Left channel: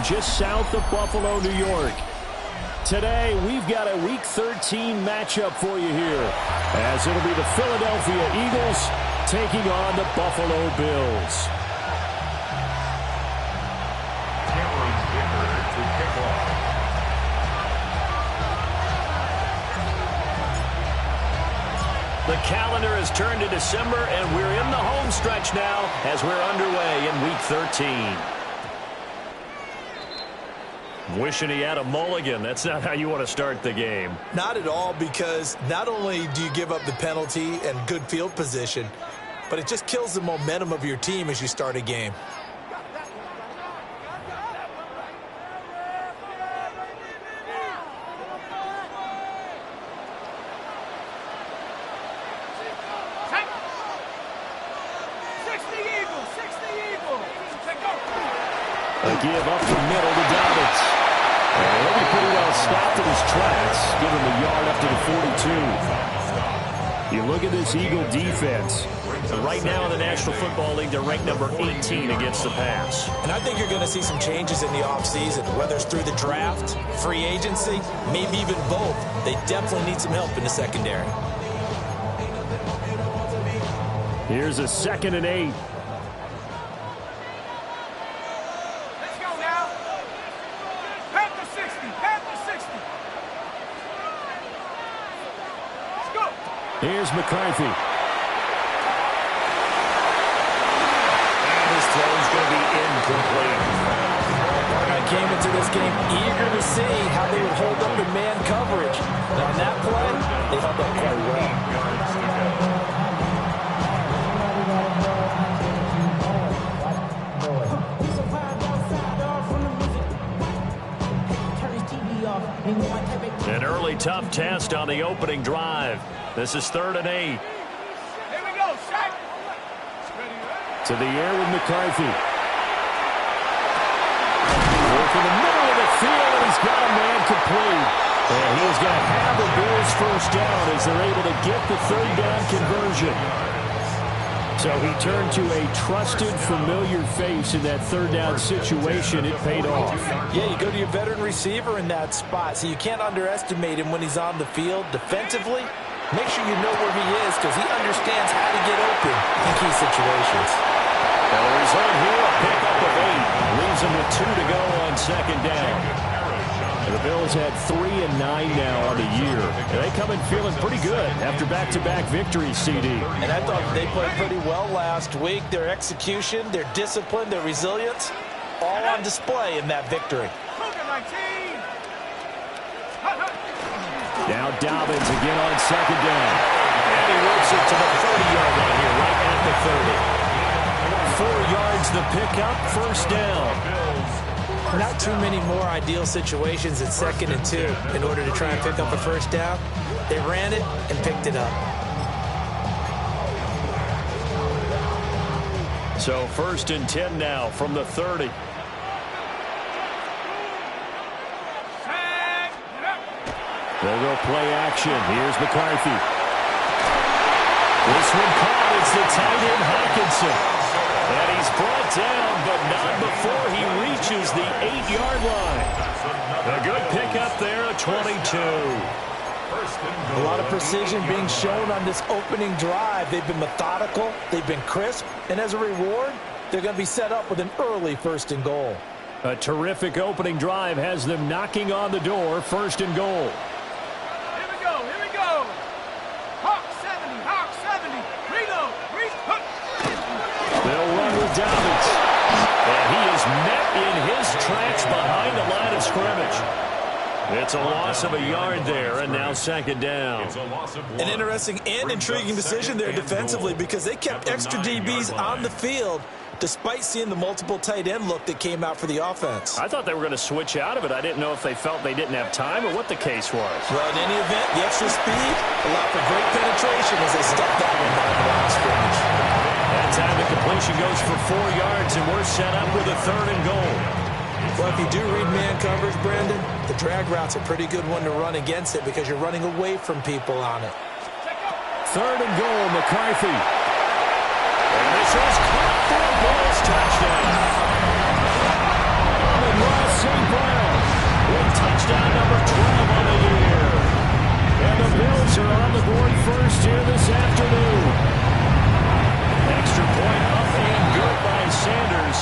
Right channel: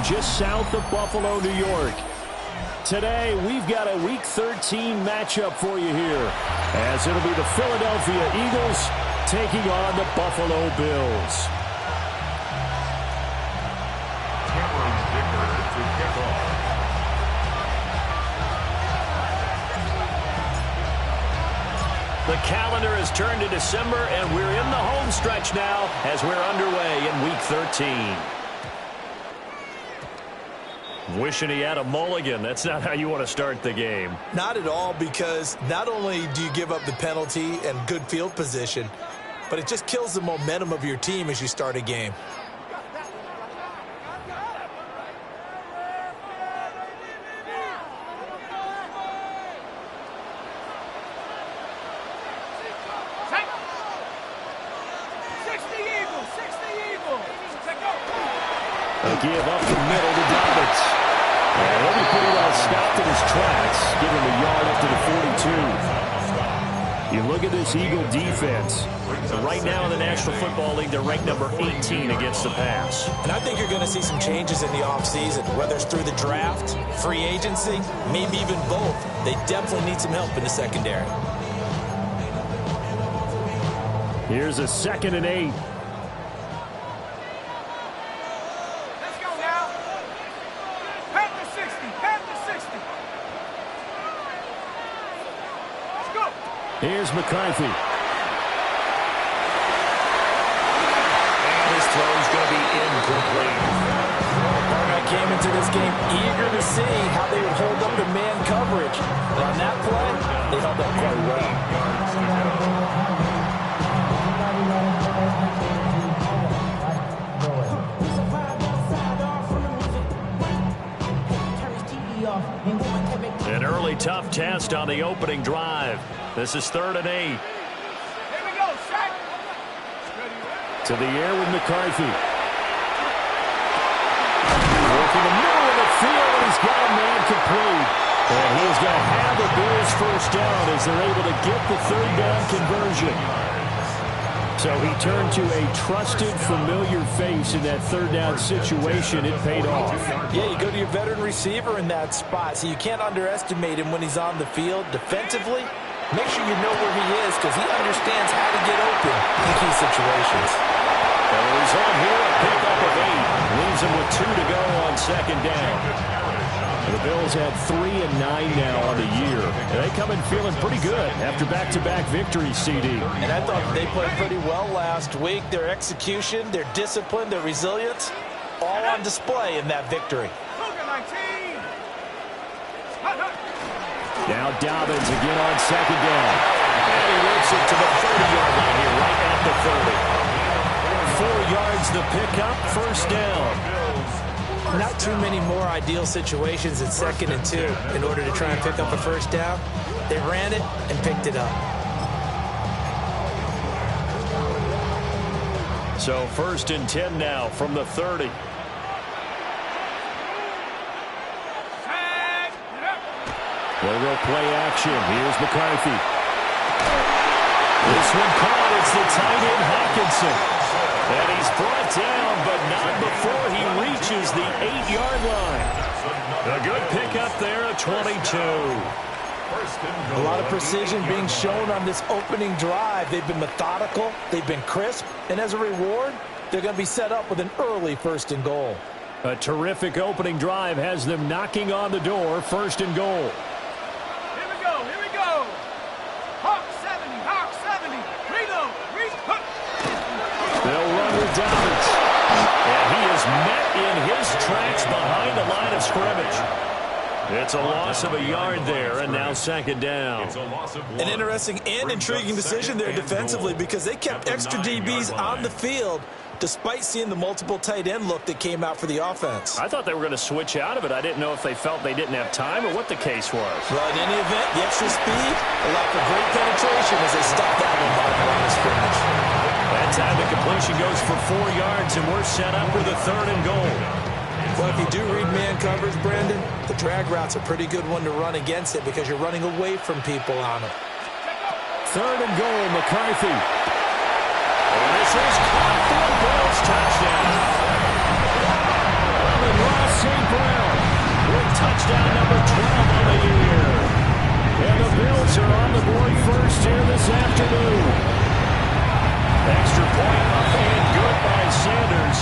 Stadium just south of Buffalo, New York. Today, we've got a Week 13 matchup for you here, as it'll be the Philadelphia Eagles taking on the Buffalo Bills. To kick off. The calendar has turned to December, and we're in the home stretch now as we're underway in Week 13. Wishing he had a mulligan. That's not how you want to start the game. Not at all, because not only do you give up the penalty and good field position, but it just kills the momentum of your team as you start a game. A give up the middle to Dobbins. And he'll be pretty well stopped in his tracks. Give him a yard up to the 42. You look at this Eagle defense. Right now in the National Football League, they're ranked number 18 against the pass. And I think you're going to see some changes in the offseason, whether it's through the draft, free agency, maybe even both. They definitely need some help in the secondary. Here's a 2nd and 8. Here's McCarthy. And his throw's going to be incomplete. I came into this game eager to see how they would hold up in man coverage. And on that play, they held up quite well. An early tough test on the opening drive. This is 3rd and 8. Here we go, Shaq. To the air with McCarthy. Working the middle of the field, and he's got a man complete. And he is going to have the Bills first down as they're able to get the 3rd down conversion. So he turned to a trusted, familiar face in that 3rd down situation. It paid off. Yeah, you go to your veteran receiver in that spot, so you can't underestimate him when he's on the field. Defensively, make sure you know where he is because he understands how to get open in key situations. And the result here, a pickup of 8. Leaves him with 2 to go on 2nd down. The Bills had 3 and 9 now on the year. And they come in feeling pretty good after back-to-back victories, CD. And I thought they played pretty well last week. Their execution, their discipline, their resilience, all on display in that victory. Now Dobbins again on 2nd down. And he works it to the 30-yard line here, right at the 30. 4 yards the pickup, 1st down. Not too many more ideal situations in 2nd and 2 in order to try and pick up a 1st down. They ran it and picked it up. So 1st and 10 now from the 30. They'll go play action. Here's McCarthy. This one caught. It's the tight end Hawkinson. And he's brought down, but not before he reaches the 8-yard line. A good pickup there, a 22. A lot of precision being shown on this opening drive. They've been methodical, they've been crisp, and as a reward, they're going to be set up with an early 1st and goal. A terrific opening drive has them knocking on the door, 1st and goal. Here we go, here we go. Hawk 70, Hawk 70. Reload, They'll run with Dobbins. And he is met in his tracks behind the line of scrimmage. It's a loss of a yard there, and now 2nd down. An interesting and intriguing decision there defensively because they kept extra DBs on the field despite seeing the multiple tight end look that came out for the offense. I thought they were going to switch out of it. I didn't know if they felt they didn't have time or what the case was. Well, in any event, the extra speed allowed for great penetration as they stuffed that one behind the line of scrimmage. That time the completion goes for 4 yards, and we're set up with a 3rd and goal. Well, if you do read man coverage, Brandon, the drag route's a pretty good one to run against it because you're running away from people on it. 3rd and goal, McCarthy. And this is caught for a Bills touchdown. Russ touchdown number 12 on the year. And the Bills are on the board first here this afternoon. Extra point up and good by Sanders.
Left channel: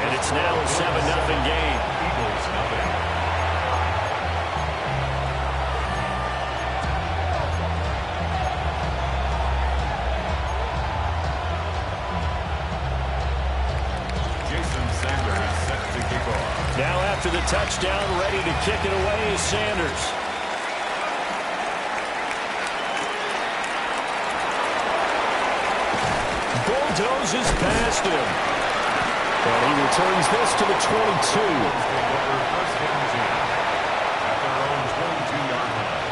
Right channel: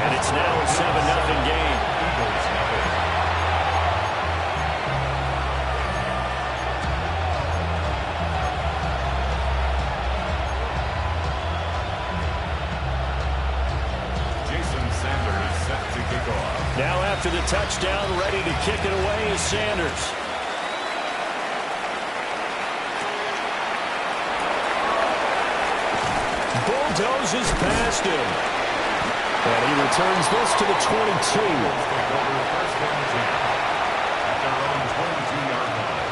And it's now a 7-0 game. Eagles nothing. Sanders set to kick off. Now after the touchdown, ready to kick it away is Sanders. Bulldozes past him. And he returns this to the 22. Take over first and 10 at their own 22-yard line.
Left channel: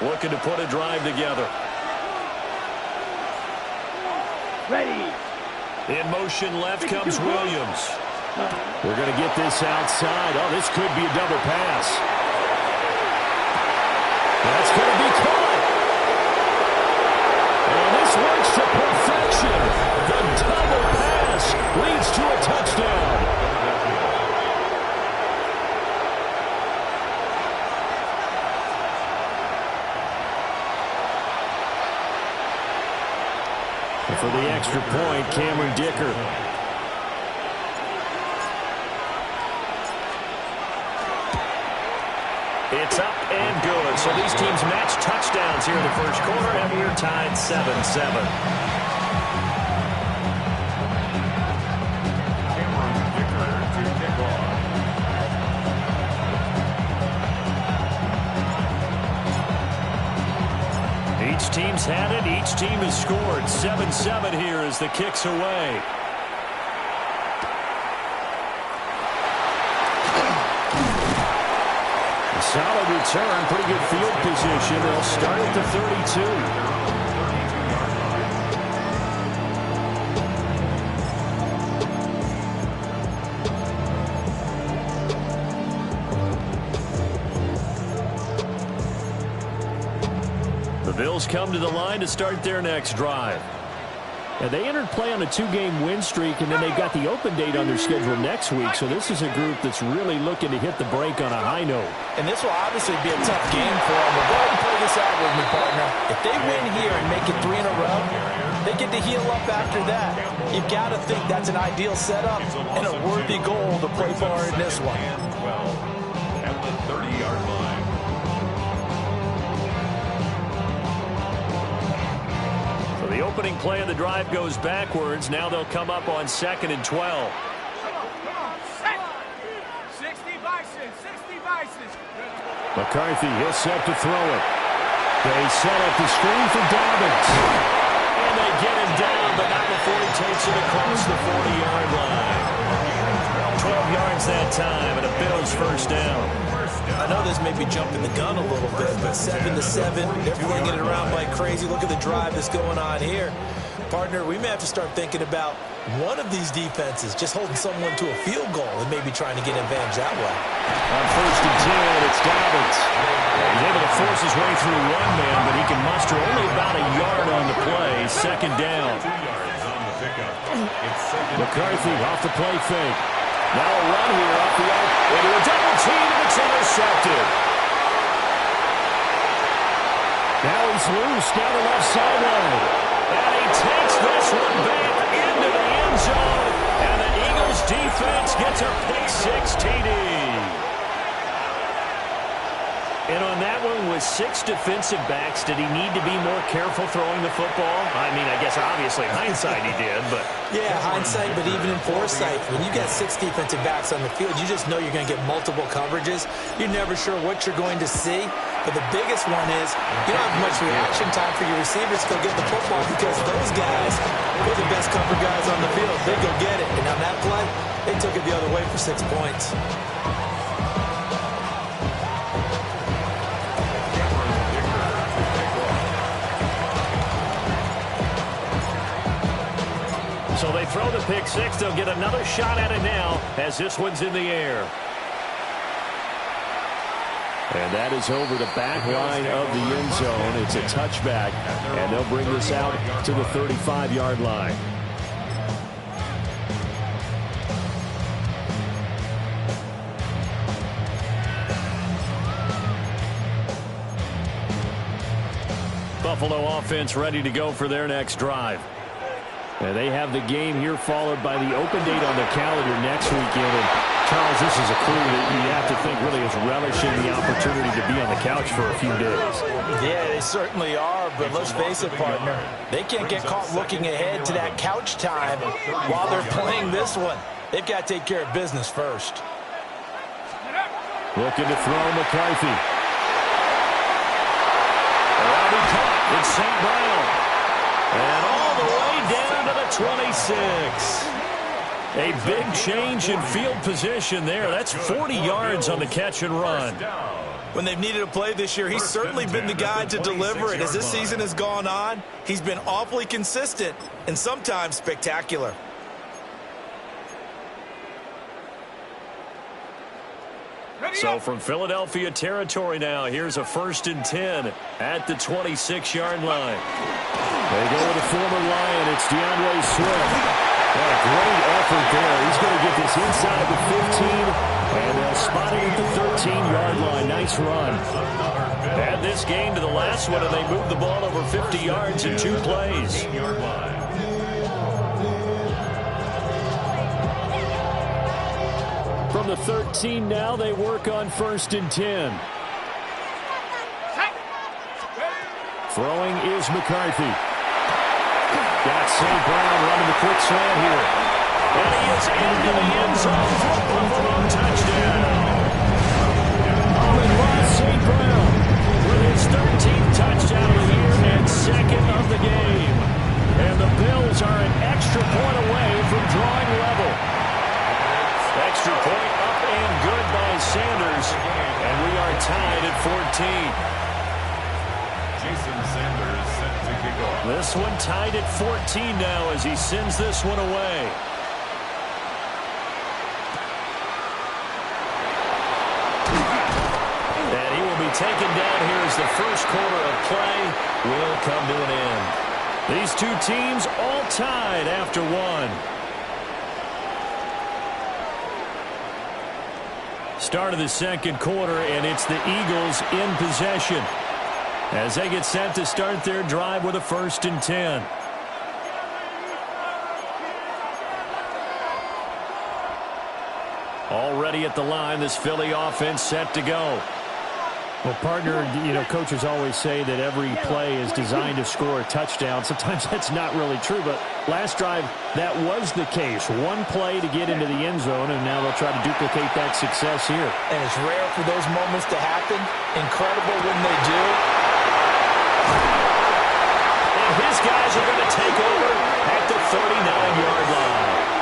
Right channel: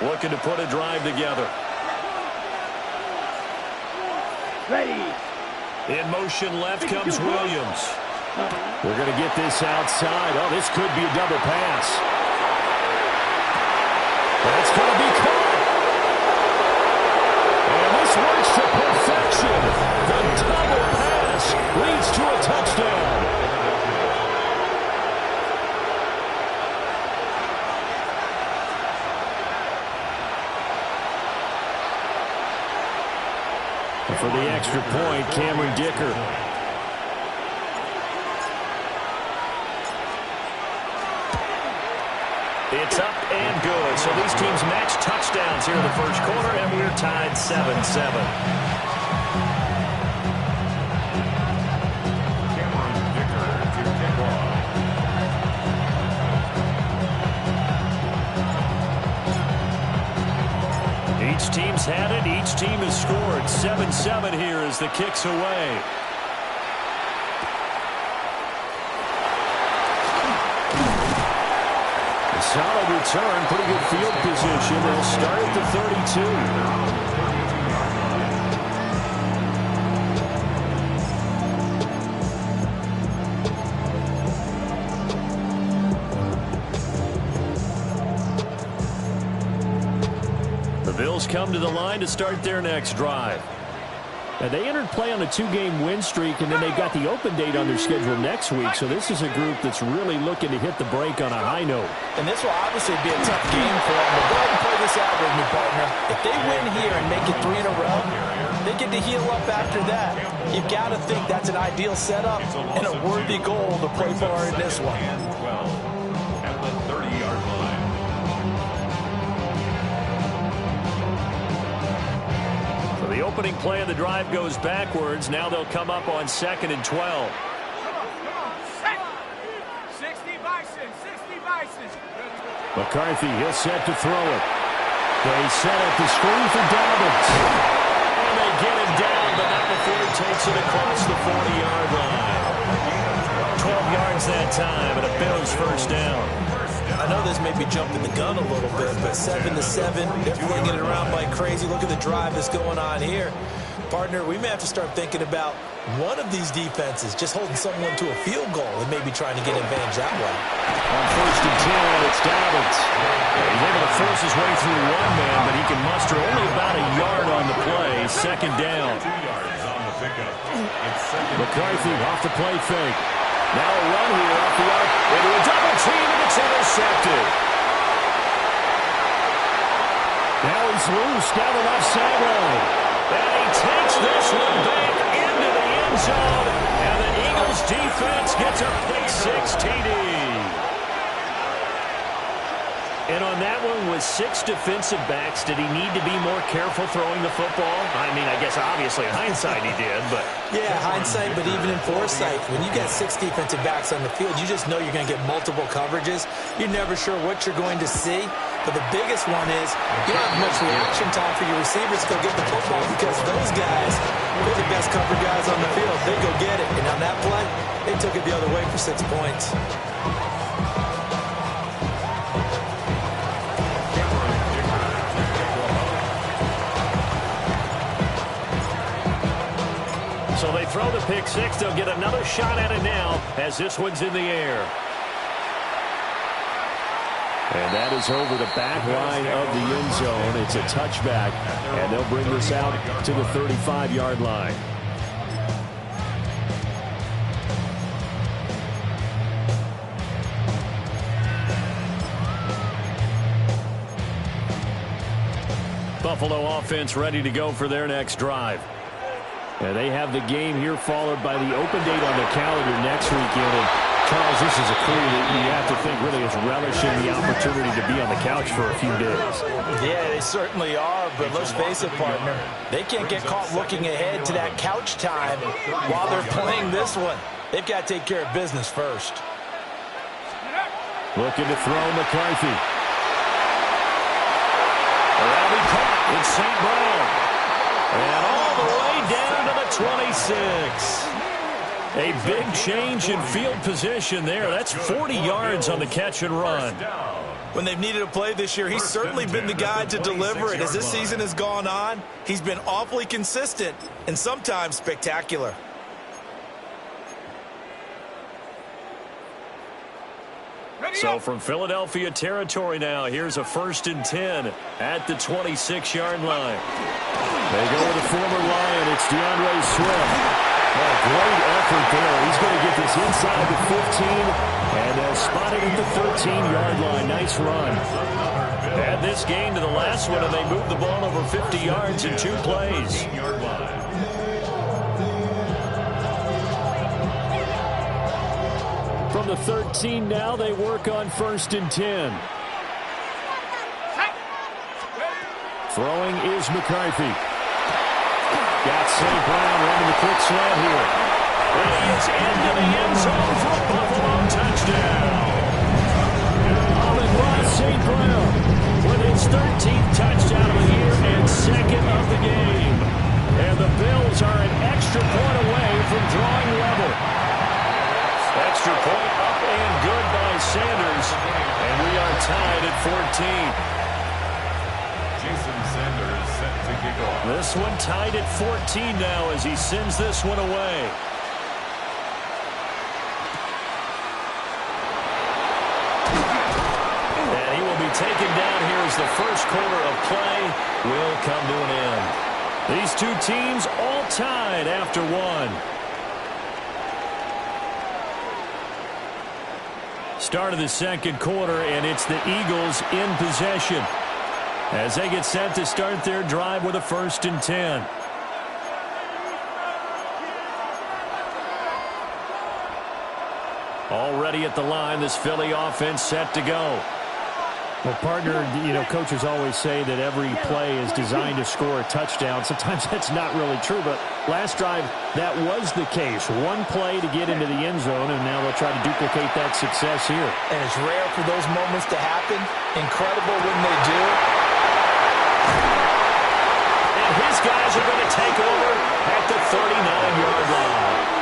Looking to put a drive together. Ready. In motion left comes Williams. They're going to get this outside. Oh, this could be a double pass. That's going to be caught. And this works to perfection. The double pass leads to a touchdown. For the extra point, Cameron Dicker. It's up and good. So these teams match touchdowns here in the first quarter, and we're tied 7-7. Cameron Dicker to kick off. Each team's had it. Each team has scored. 7-7 here as the kick's away. A solid return. Pretty good field position. They'll start at the 32. The Bills come to the line to start their next drive. And they entered play on a 2-game win streak, and then they've got the open date on their schedule next week. So this is a group that's really looking to hit the break on a high note. And this will obviously be a tough game for them. But go ahead and play this out with me, partner. If they win here and make it 3 in a row, they get to heal up after that. You've got to think that's an ideal setup and a worthy goal to play for in this one. 12 at the 30-yard line. The opening play of the drive goes backwards. Now they'll come up on 2nd and 12. Come on. Set. 60 Bison. 60 Bison. McCarthy, he'll set to throw it. They set up the screen for Dobbins. And they get him down, but not before he takes it across the 40-yard line. 12 yards that time, and a Bills first down. I know this may be jumping the gun a little bit, but 7-7, they're flinging it around like crazy. Look at the drive that's going on here. Partner, we may have to start thinking about one of these defenses just holding someone to a field goal and maybe trying to get advantage that way. On 1st and 10, it's Dobbins. He's able to force his way through one man, but he can muster only about a yard on the play. 2nd down. 2 yards on the pickup. It's McCarthy off the play fake. Now a run here off the arc into a double team, and it's intercepted. Now he's loose down the left sideline. And he takes this one back into the end zone. And the Eagles defense gets a pick-6 TD. And on that one, with 6 defensive backs, did he need to be more careful throwing the football? I mean, I guess obviously in hindsight he did, but... Yeah, hindsight, but even in foresight, when you got 6 defensive backs on the field, you just know you're going to get multiple coverages. You're never sure what you're going to see. But the biggest one is you don't have much reaction time for your receivers to go get the football because those guys, they're the best cover guys on the field. They go get it. And on that play, they took it the other way for 6 points. So they throw the pick-6. They'll get another shot at it now as this one's in the air. And that is over the back line of the end zone. It's a touchback, and they'll bring this out to the 35-yard line. Buffalo offense ready to go for their next drive. And they have the game here followed by the open date on their calendar next weekend. And Charles, this is a crew that you have to think really is relishing the opportunity to be on the couch for a few days. Yeah, they certainly are, but let's face it, partner. They can't get caught looking ahead to that couch time while they're playing this one. They've got to take care of business first. Looking to throw McCarthy. Around he caught. It's St. Brown. And all the way down to the 26. A big change in field position there. That's 40 yards on the catch and run. When they've needed a play this year, he's certainly been the guy to deliver it. As this season has gone on, he's been awfully consistent and sometimes spectacular. So from Philadelphia territory now, here's a 1st and 10 at the 26-yard line. They go with a former Lion. It's DeAndre Swift. What a great effort there. He's going to get this inside the 15, and they'll spot it at the 13-yard line. Nice run. Add this game to the last one, and they moved the ball over 50 yards in 2 plays. From the 13 now, they work on 1st and 10. Throwing is McCarthy. Got St. Brown running the quick slant here. And he is into the end zone for a Buffalo touchdown. Amon-Ra St. Brown with his 13th touchdown of the year and 2nd of the game. And the Bills are an extra point away from drawing level. Extra point up and good by Sanders. And we are tied at 14. Jason Sanders set to kick off. This one tied at 14 now as he sends this one away. And he will be taken down here as the first quarter of play will come to an end. These two teams all tied after one. Start of the second quarter, and it's the Eagles in possession as they get set to start their drive with a 1st and 10. Already at the line, this Philly offense set to go. Well, partner, you know, coaches always say that every play is designed to score a touchdown. Sometimes that's not really true, but last drive, that was the case. One play to get into the end zone, and now they'll try to duplicate that success here. And it's rare for those moments to happen. Incredible when they do. And his guys are going to take over at the 39-yard line.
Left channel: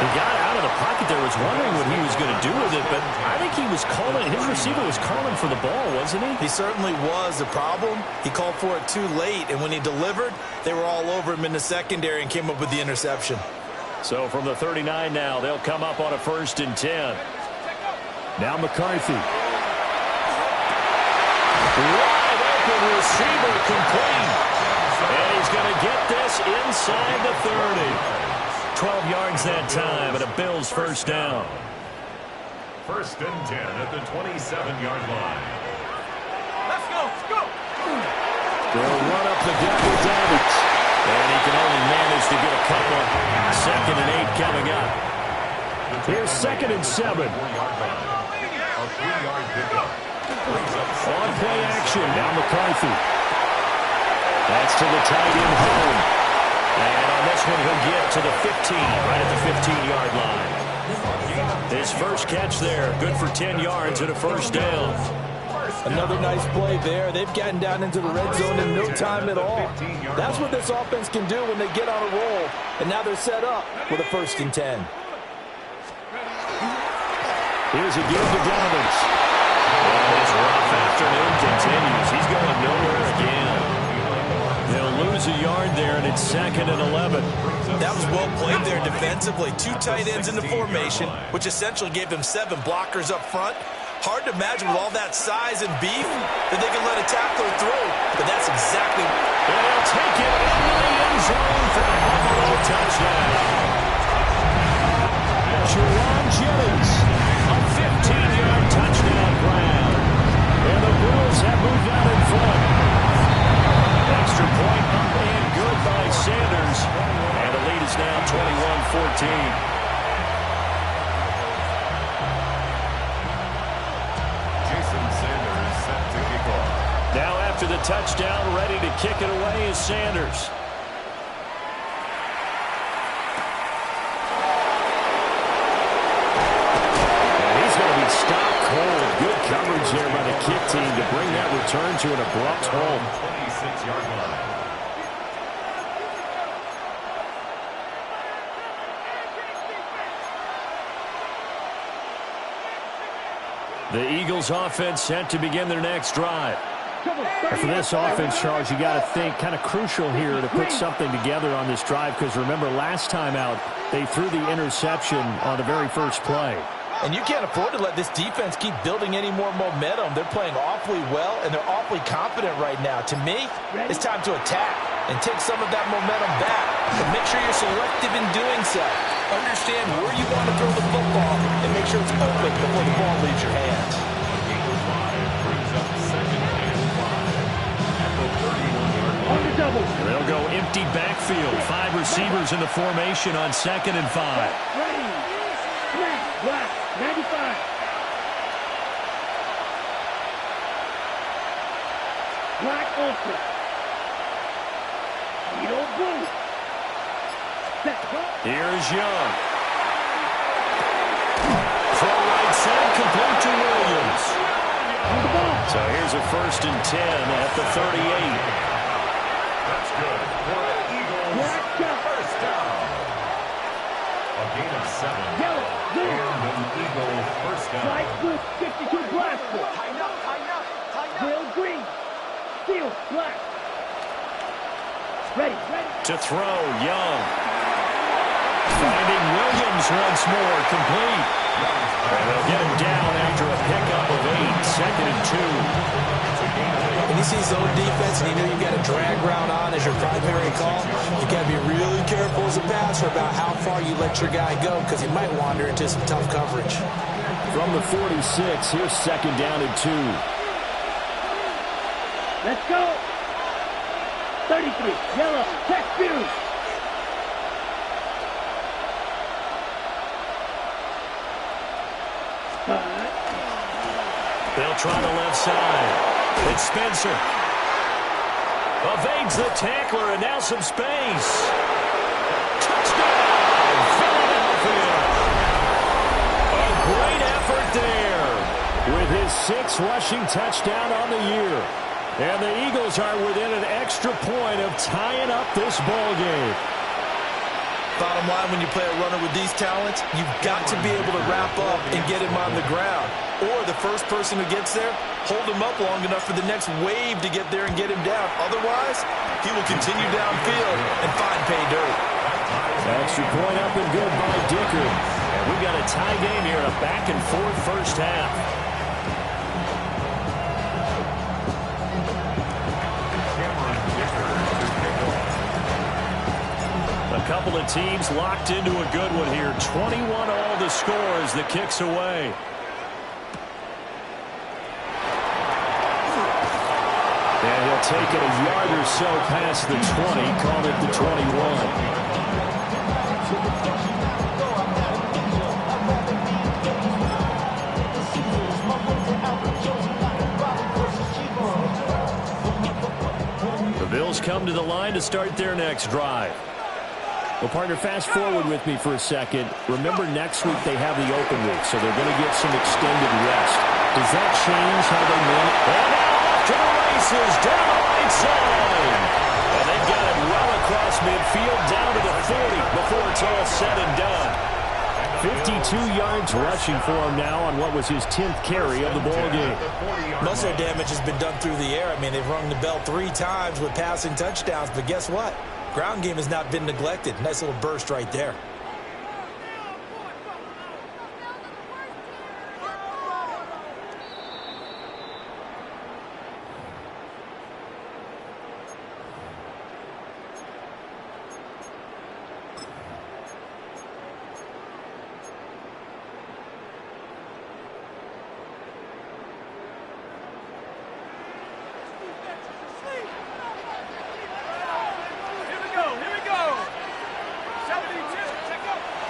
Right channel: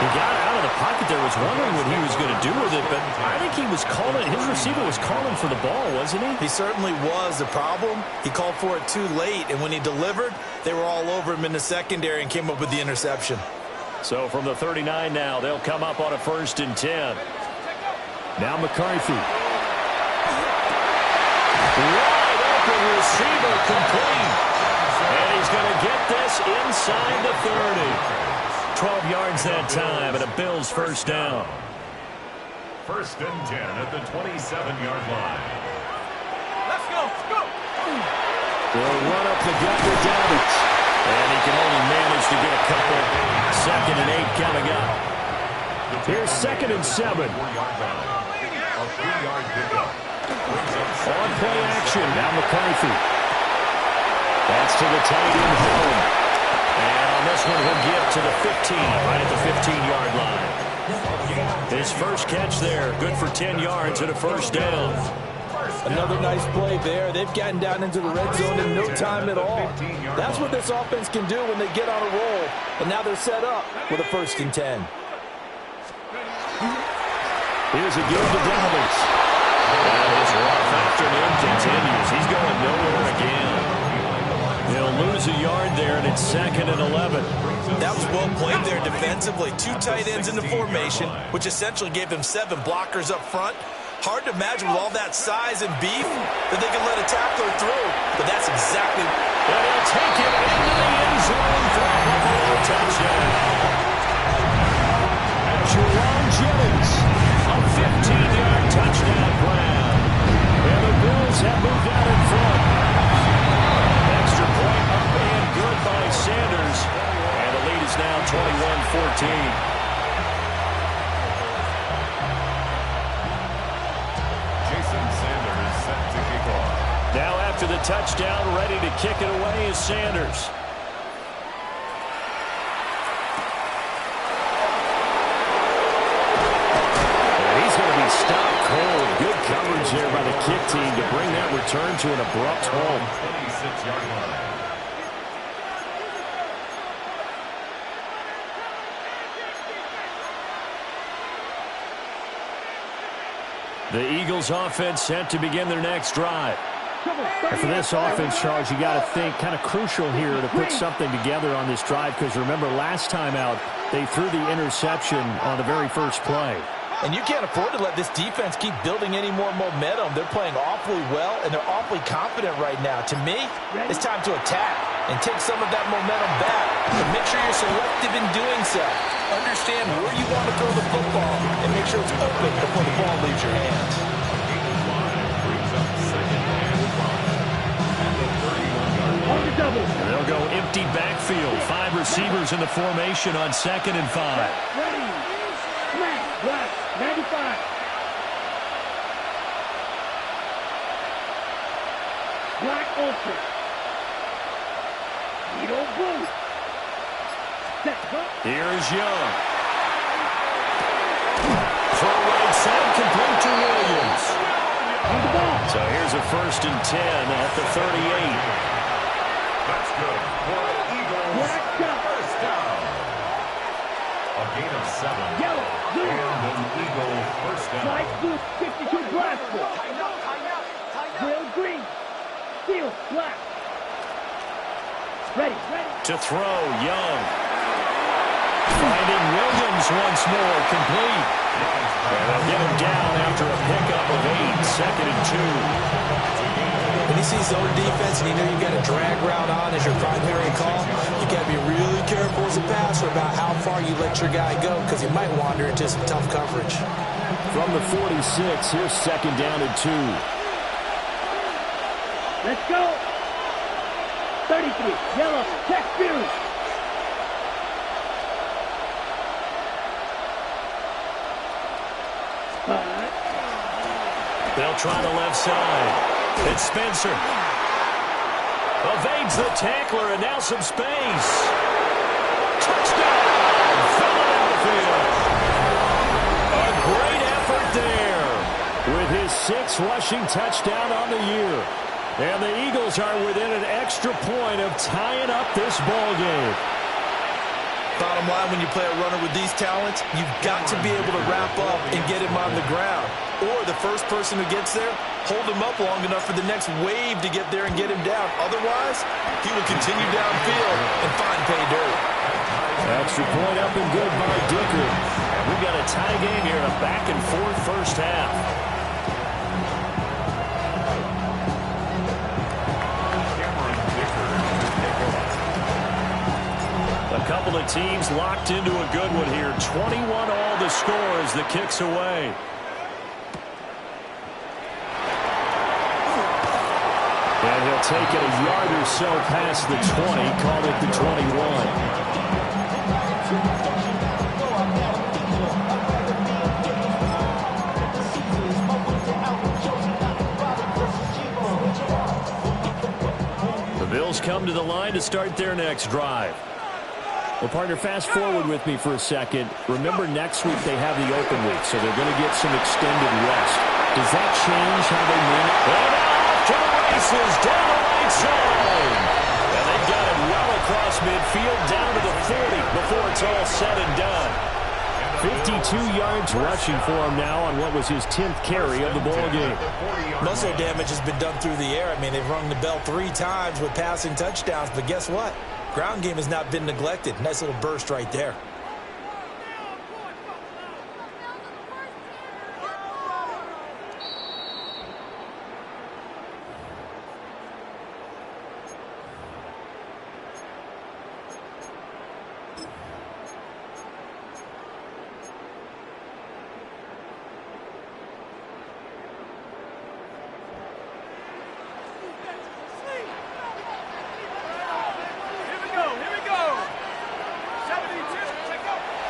He got out of the pocket there, was wondering what he was going to do with it, but I think he was calling, his receiver was calling for the ball, wasn't he? He certainly was. The problem, he called for it too late, and when he delivered, they were all over him in the secondary and came up with the interception. So from the 39 now, they'll come up on a 1st and 10. Now McCarthy. Wide open receiver complete. And he's going to get this inside the 30. 12 yards that time, and a Bills first down. 1st and 10 at the 27-yard line. Let's go, let's go. They'll run up the gut with Davids. And he can only manage to get a couple. 2nd and 8 coming up. Here's 2nd and 7. A 3-yard pickup. On play action, now McCarthy. That's to the tight end home. And on this one, he'll get to the 15, right at the 15-yard line. His first catch there, good for 10 yards and a first down. Another nice play there. They've gotten down into the red zone in no time at all. That's what this offense can do when they get on a roll. And now they're set up with a 1st and 10. Here's a give to Davids. And his rough afternoon continues. He's going nowhere again. They'll lose a yard there, and it's 2nd and 11. That was well played there defensively. 2 tight ends in the formation, which essentially gave them 7 blockers up front. Hard to imagine with all that size and beef that they could let a tackler through, but that's exactly. And he'll take it into the end zone for a Buffalo touchdown. Jerron Jennings, a 15-yard touchdown grab. And the Bills have moved out in front. Extra point up and good by Sanders. And the lead is now 21-14. Sanders set to kick off. Now after the touchdown, ready to kick it away is Sanders. And he's going to be stopped cold. Good coverage there by the kick team to bring that return to an abrupt halt. 26-yard line. The Eagles offense set to begin their next drive. And for this offense, Charles, you got to think kind of crucial here to put something together on this drive, because remember last time out they threw the interception on the very first play. And you can't afford to let this defense keep building any more momentum. They're playing awfully well, and they're awfully confident right now. To me, it's time to attack and take some of that momentum back. But make sure you're selective in doing so. Understand where you want to throw the football and make sure it's open before the ball leaves your hands. A gain of 5 brings up 2nd and 5 at the 31-yard line. And they'll go empty backfield. 5 receivers in the formation on 2nd and 5. Ready. Smash. Black. 95. Black Ultra. Beetle Blue. Set, go. Here's Young. Throw right side, complete to Williams. On the ball. So here's a 1st and 10 at the 38. That's good for an Eagles Black shot. first down. A gain of 7. Yellow. Blue. And an Eagle first down. Light blue. 52 black. Tighten up, tighten up, tighten up. Grill green. Steel black. Ready. To throw, Young. Finding Williams once more, complete. And they'll get him down after a pickup of 8, 2nd and 2. When you see zone defense and you know you've got a drag route on as your primary call, you got to be really careful as a passer about how far you let your guy go, because he might wander into some tough coverage. From the 46, here's 2nd down and 2. Let's go. 33. Yellow. Check view. They'll try the left side. It's Spencer. Evades the tackler, and now some space. Touchdown, Philadelphia. A great effort there with his 6th rushing touchdown on the year. And the Eagles are within an extra point of tying up this ball game. Bottom line, when you play a runner with these talents, you've got to be able to wrap up and get him on the ground. Or the first person who gets there, hold him up long enough for the next wave to get there and get him down. Otherwise, he will continue downfield and find pay dirt. Extra point up and good by Dicker. And we've got a tie game here in a back-and-forth first half. A couple of teams locked into a good one here. 21 all the score as the kick's away. And he'll take it a yard or so past the 20, called it the 21. The Bills come to the line to start their next drive. Well, partner, fast forward with me for a second. Remember, next week they have the open week, so they're going to get some extended rest. Does that change how they win? And now off to the races, down the right side. And they've got it well across midfield, down to the 40 before it's all said and done. 52 yards rushing for him now on what was his 10th carry of the ballgame. Most of their damage has been done through the air. I mean, they've rung the bell 3 times with passing touchdowns, but guess what? Ground game has not been neglected. Nice little burst right there.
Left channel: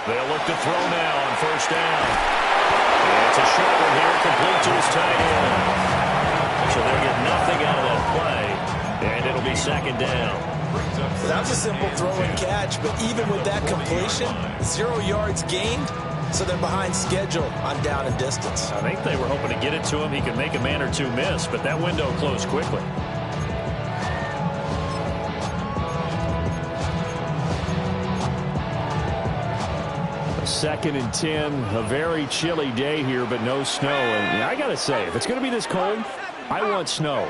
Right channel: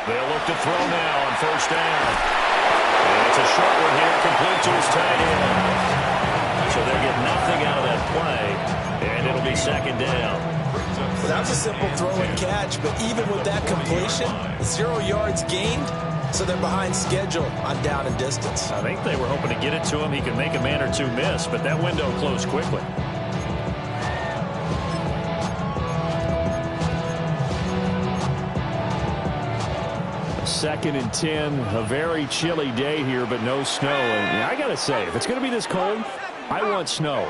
They'll look to throw now on first down. It's a short one here, complete to his tight end. So they'll get nothing out of that play, and it'll be second down. Well, that was a simple throw and catch, but even with that completion, 0 yards gained, so they're behind schedule on down and distance. I think they were hoping to get it to him. He could make a man or two miss, but that window closed quickly. Second and 10, a very chilly day here, but no snow. And I got to say, if it's going to be this cold, I want snow.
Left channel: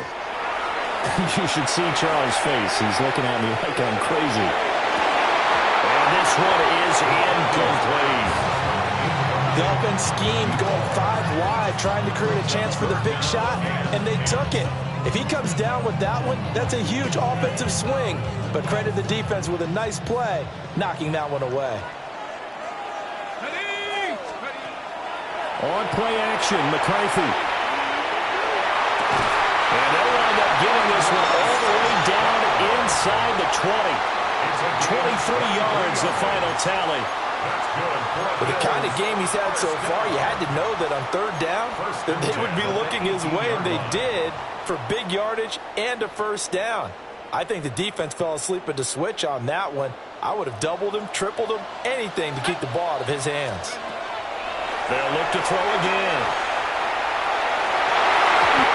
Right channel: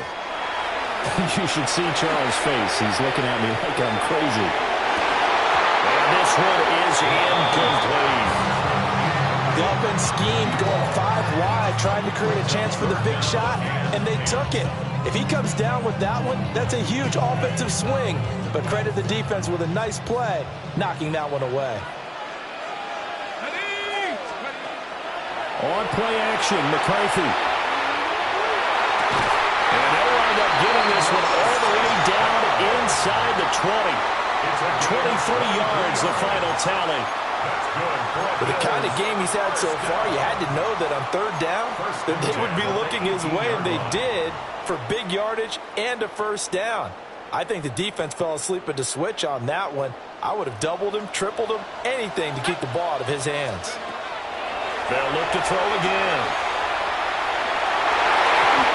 You should see Charles' face. He's looking at me like I'm crazy. And this one is incomplete. The offense schemed going 5 wide, trying to create a chance for the big shot, and they took it. If he comes down with that one, that's a huge offensive swing. But credit the defense with a nice play, knocking that one away. On play action, McCarthy. And they'll wind up getting this one all the way down inside the 20. 23 yards, the final tally. With the kind of game he's had so far, you had to know that on third down, that they would be looking his way, and they did, for big yardage and a first down. I think the defense fell asleep at the switch on that one. I would have doubled him, tripled him, anything to keep the ball out of his hands. They'll look to throw again.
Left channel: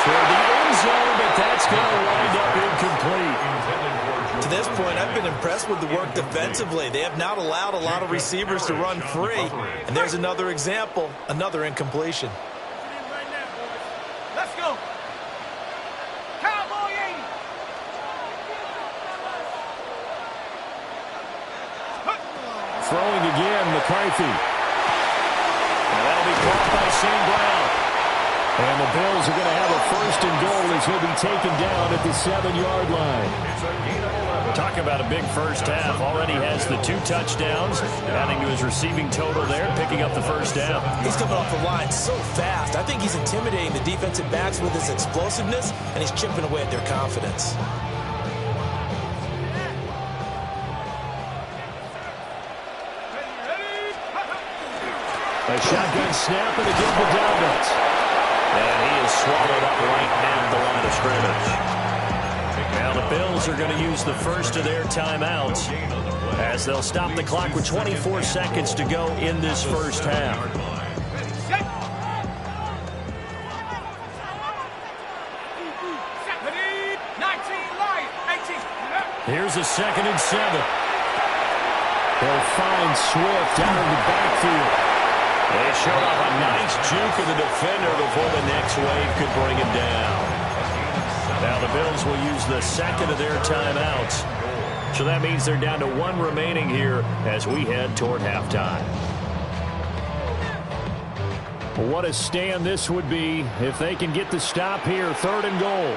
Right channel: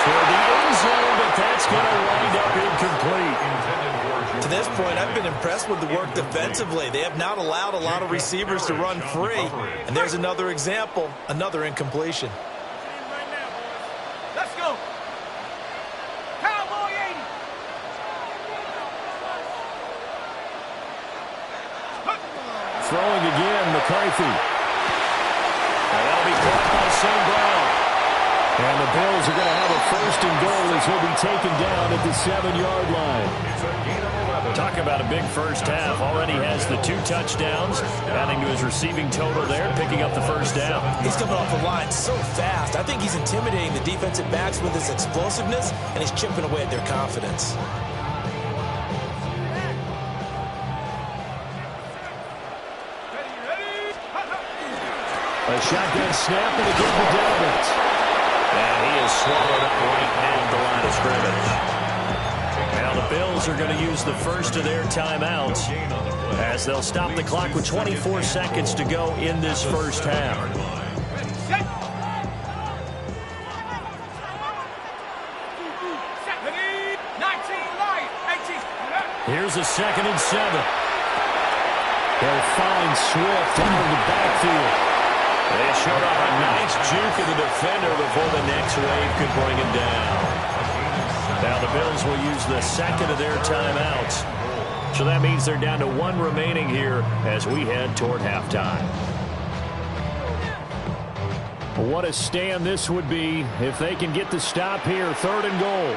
Toward the end zone, but that's going to wind up incomplete. To this point, I've been impressed with the work defensively. They have not allowed a lot of receivers to run free. And there's another example, another incompletion. Let's go. Cowboy 80. Throwing again, McCarthy. And that'll be caught by St. Brown. And the Bills are going to have a first and goal as he'll be taken down at the 7-yard line. Talk about a big first half. Already has the 2 touchdowns, adding to his receiving total there, picking up the first down. He's coming off the line so fast. I think he's intimidating the defensive backs with his explosiveness, and he's chipping away at their confidence. A shotgun snap and a good for Dobbins. And he is swallowed up right at the line of scrimmage. Now the Bills are going to use the first of their timeouts as they'll stop the clock with 24 seconds to go in this first half. Here's a 2nd and 7. They'll find Swift out of the backfield. They showed off a nice juke of the defender before the next wave could bring him down. Now the Bills will use the second of their timeouts. So that means they're down to 1 remaining here as we head toward halftime. What a stand this would be if they can get the stop here. 3rd and goal.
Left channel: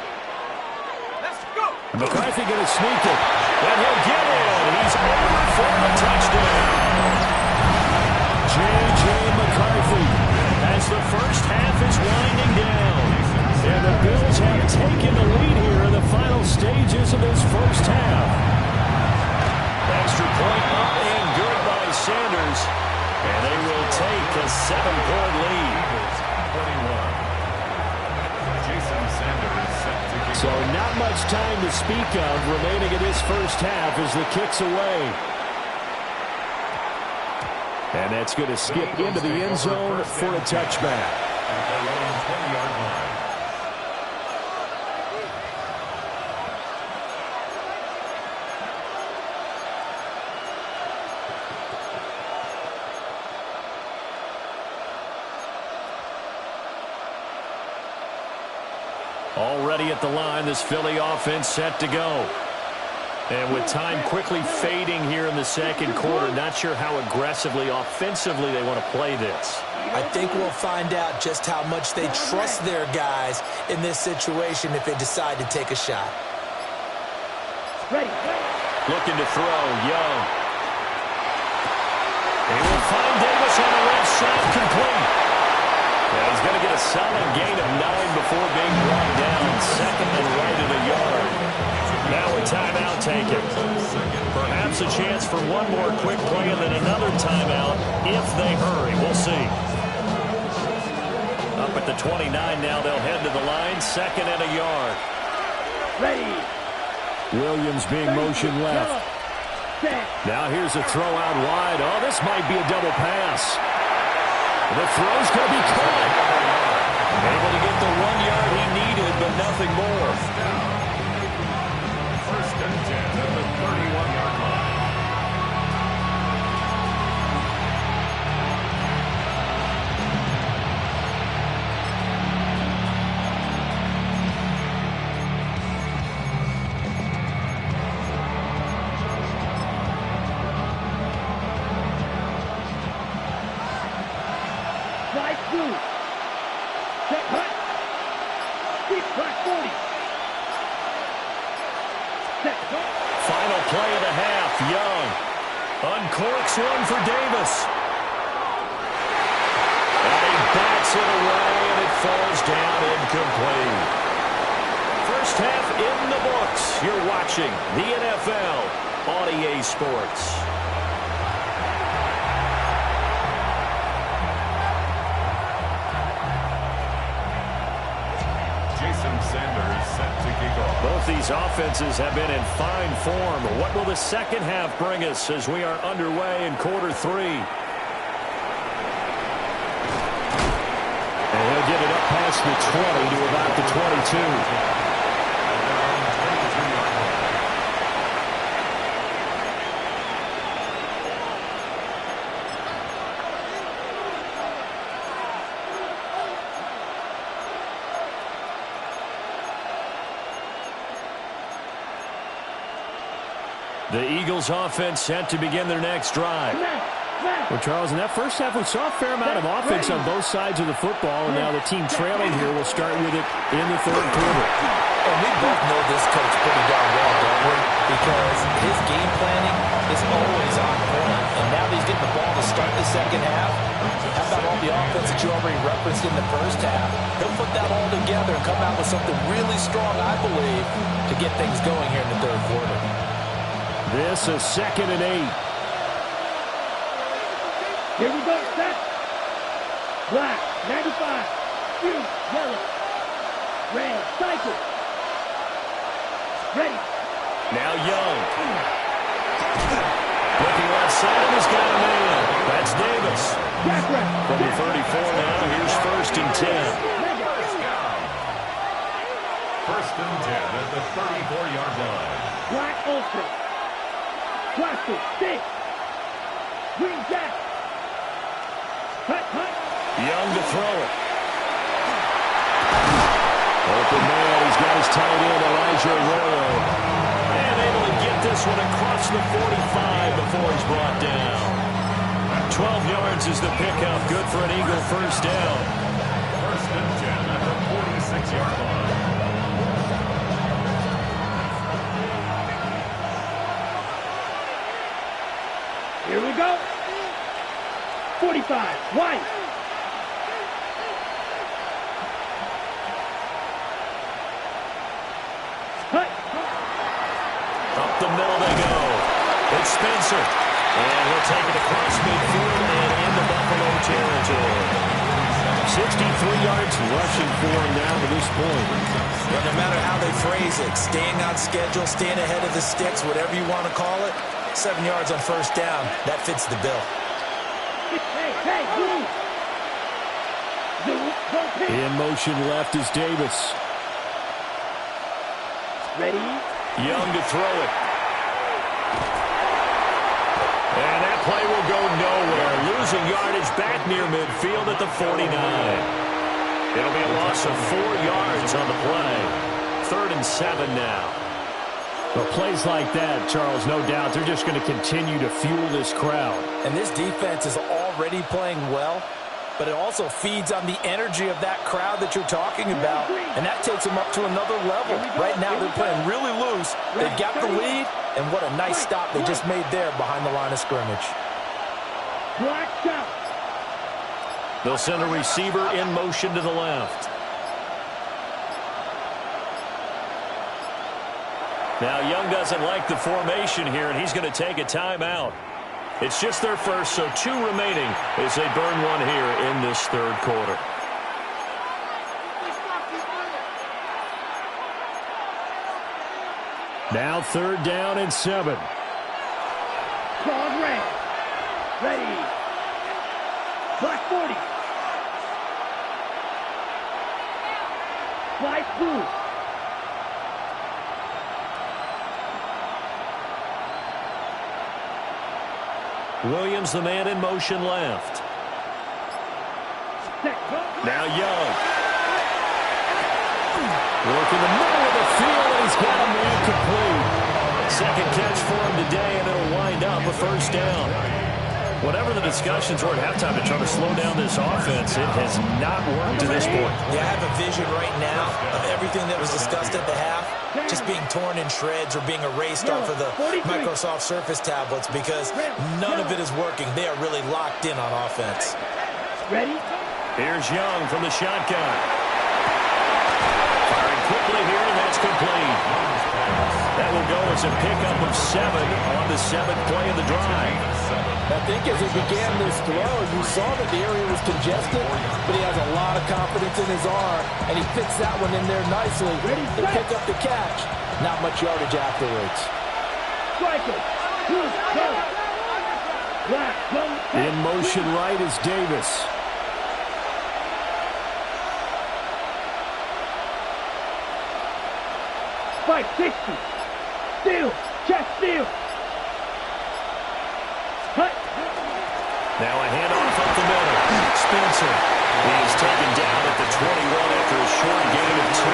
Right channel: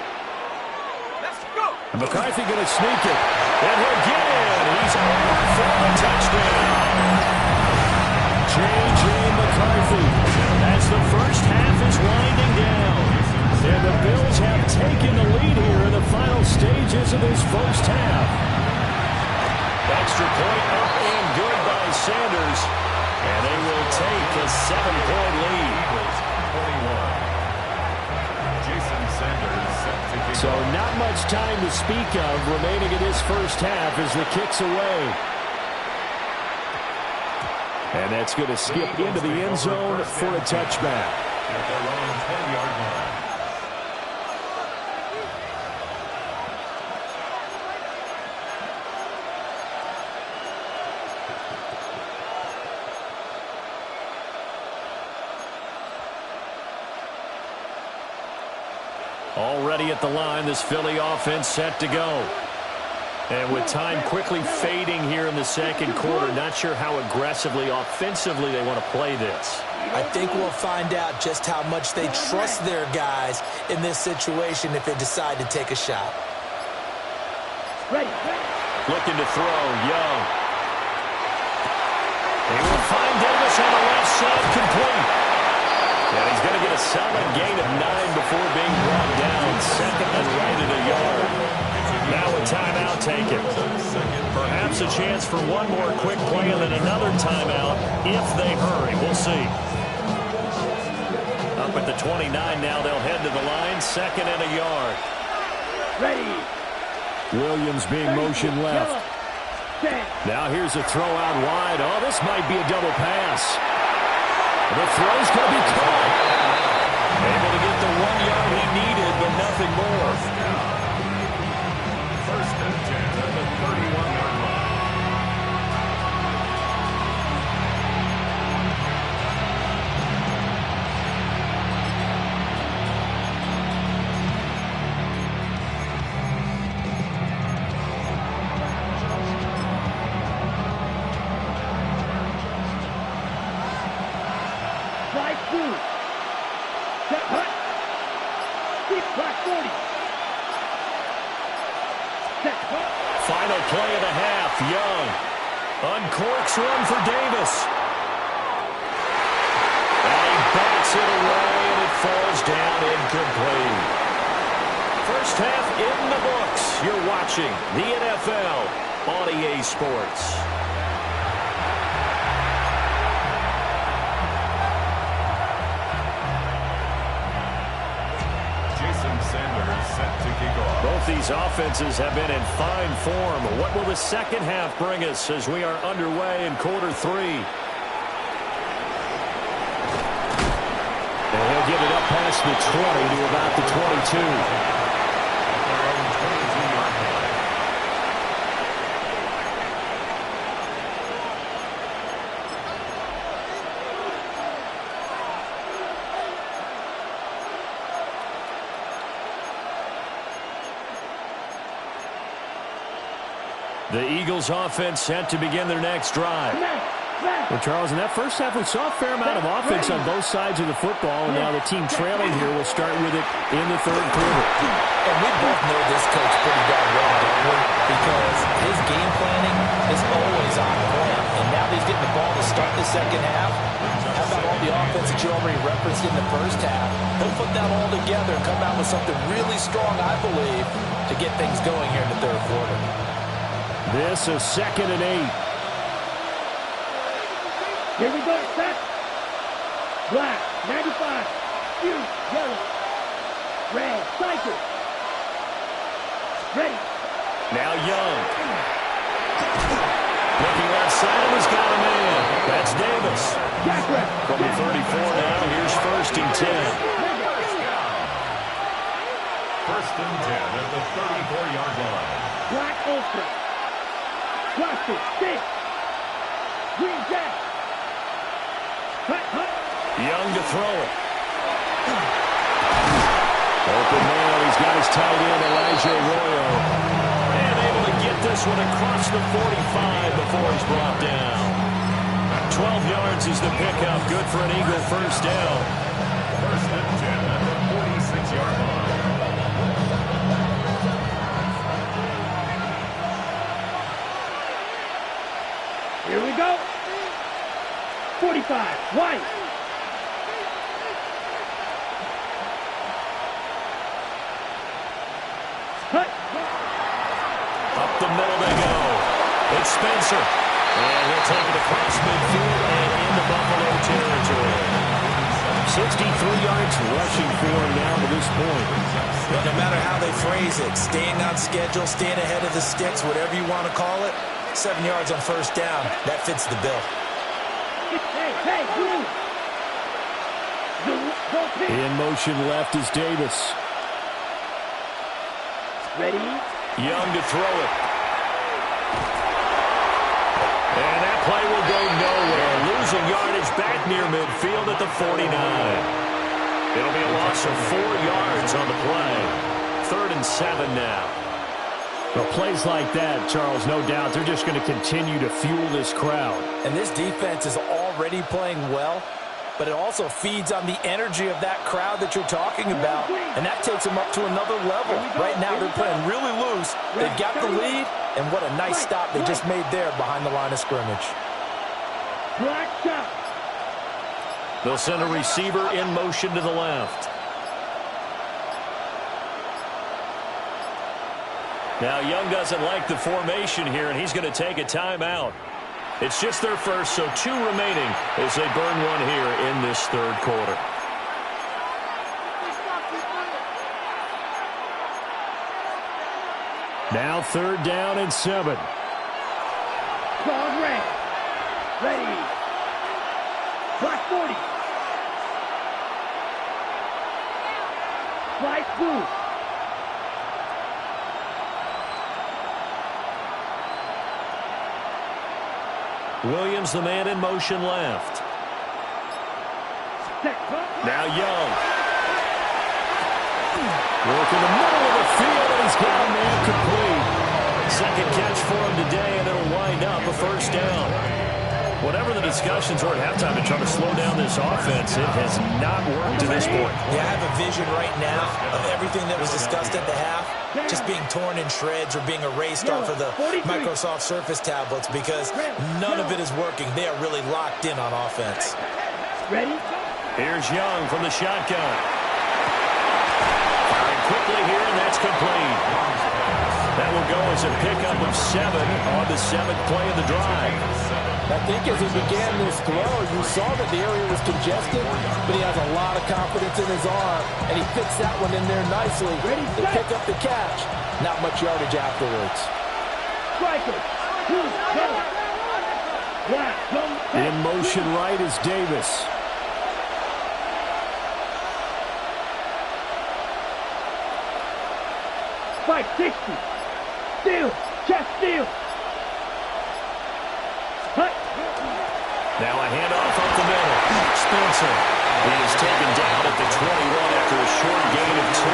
Let's go. And McCarthy going to sneak it. And he'll get in. He's over for the touchdown. J.J. McCarthy as the first half is winding down. And the Bills have taken the lead here in the final stages of this first half. Extra point up and good by Sanders. And they will take a 7-point lead. 21. Jason Sanders set to kick. So not much time to speak of remaining in this first half as the kick's away. And that's going to skip into the end zone for a touchback. At their own 20-yard line. Already at the line, this Philly offense set to go. And with time quickly fading here in the second quarter, not sure how aggressively, offensively they want to play this. I think we'll find out just how much they trust their guys in this situation if they decide to take a shot. Ready. Looking to throw, Young. He will find Davis on the left side, complete. And he's going to get a solid gain of 9 before being brought down. 2nd and right at a yard. Now a timeout taken. Perhaps a chance for one more quick play and then another timeout if they hurry. We'll see. Up at the 29 now, they'll head to the line. 2nd and a yard. Ready. Williams being motion left. Now here's a throw out wide. Oh, this might be a double pass. The throw's going to be caught. Able to get the 1 yard he needed, but nothing more. First and 10 at the 31-yard line. Slide through. Set hut. Deep crack 40. Set hut. Final play of the half. Young uncorks one for Davis. And he bats it away, and it falls down incomplete. First half in the books. You're watching the NFL on EA Sports. Sanders set to kick off. Both these offenses have been in fine form. What will the second half bring us as we are underway in quarter 3? And he'll get it up past the 20 to about the 22. At their own 22-yard line. The Eagles offense set to begin their next drive. Well, Charles, in that first half, we saw a fair amount of offense on both sides of the football, and now the team trailing here will start with it in the 3rd quarter. And we both know this coach pretty darn well, don't we? Because his game planning is always on point. And now that he's getting the ball to start the second half, how about all the offense that you already referenced in the first half? He'll put that all together and come out with something really strong, I believe, to get things going here in the 3rd quarter. This is 2nd and 8. Here we go, set. Black, 95. Huge, yellow. Red, cycle. Ready. Now Young. Looking left side, and he's got a man. That's Davis. From the 34 now, here's 1st and 10. First and 10 at the 34-yard line. Black Ultra. Plastic, 6. Green Jack. Hut, hut. Young to throw it. Open man, he's got his tight end, Elijah Arroyo. And able to get this one across the 45 before he's brought down. 12 yards is the pickup. Good for an Eagle first down. First and 10 at the 46-yard line. Here we go. 45, white. Hut. Up the middle they go. It's Spencer. And he'll take it across midfield and into Buffalo territory. 63 yards rushing for him now to this point. Well, no matter how they phrase it, staying on schedule, staying ahead of the sticks, whatever you want to call it, 7 yards on first down, that fits the bill. Hey, Blue. In motion left is Davis. Ready. Young to throw it. And that play will go nowhere. Losing yardage back near midfield at the 49. It'll be a loss of 4 yards on the play. 3rd and 7 now. Well, plays like that, Charles, no doubt, they're just going to continue to fuel this crowd. And this defense is already playing well, but it also feeds on the energy of that crowd that you're talking about, and that takes them up to another level. Right now, they're playing really loose. They've got the lead, and what a nice stop they just made there behind the line of scrimmage. Black shot. They'll send a receiver in motion to the left. Now Young doesn't like the formation here, and he's going to take a timeout. It's just their first, so 2 remaining as they burn one here in this third quarter. Now 3rd down and 7. Strong red. Ready. Black 40. White blue. Williams, the man in motion left. Now Young. Working the middle of the field, and he's got a man complete. Second catch for him today, and it'll wind up a 1st down. Whatever the discussions were at halftime to try to slow down this offense, it has not worked to this point. Yeah, I have a vision right now of everything that was discussed at the half just being torn in shreds or being erased off of the Microsoft Surface tablets because none of it is working. They are really locked in on offense. Ready? Here's Young from the shotgun. Firing quickly here, and that's complete. That will go as a pickup of 7 on the 7th play of the drive. I think as he began this throw, you saw that the area was congested, but he has a lot of confidence in his arm, and he fits that one in there nicely to pick up the catch. Not much yardage afterwards. Striker. 2, go. Black, go. In motion right is Davis. Spike 60. Steal. Chest steal. Hut. Now a handoff up the middle. Spencer. He is taken down at the 21 after a short gain of 2.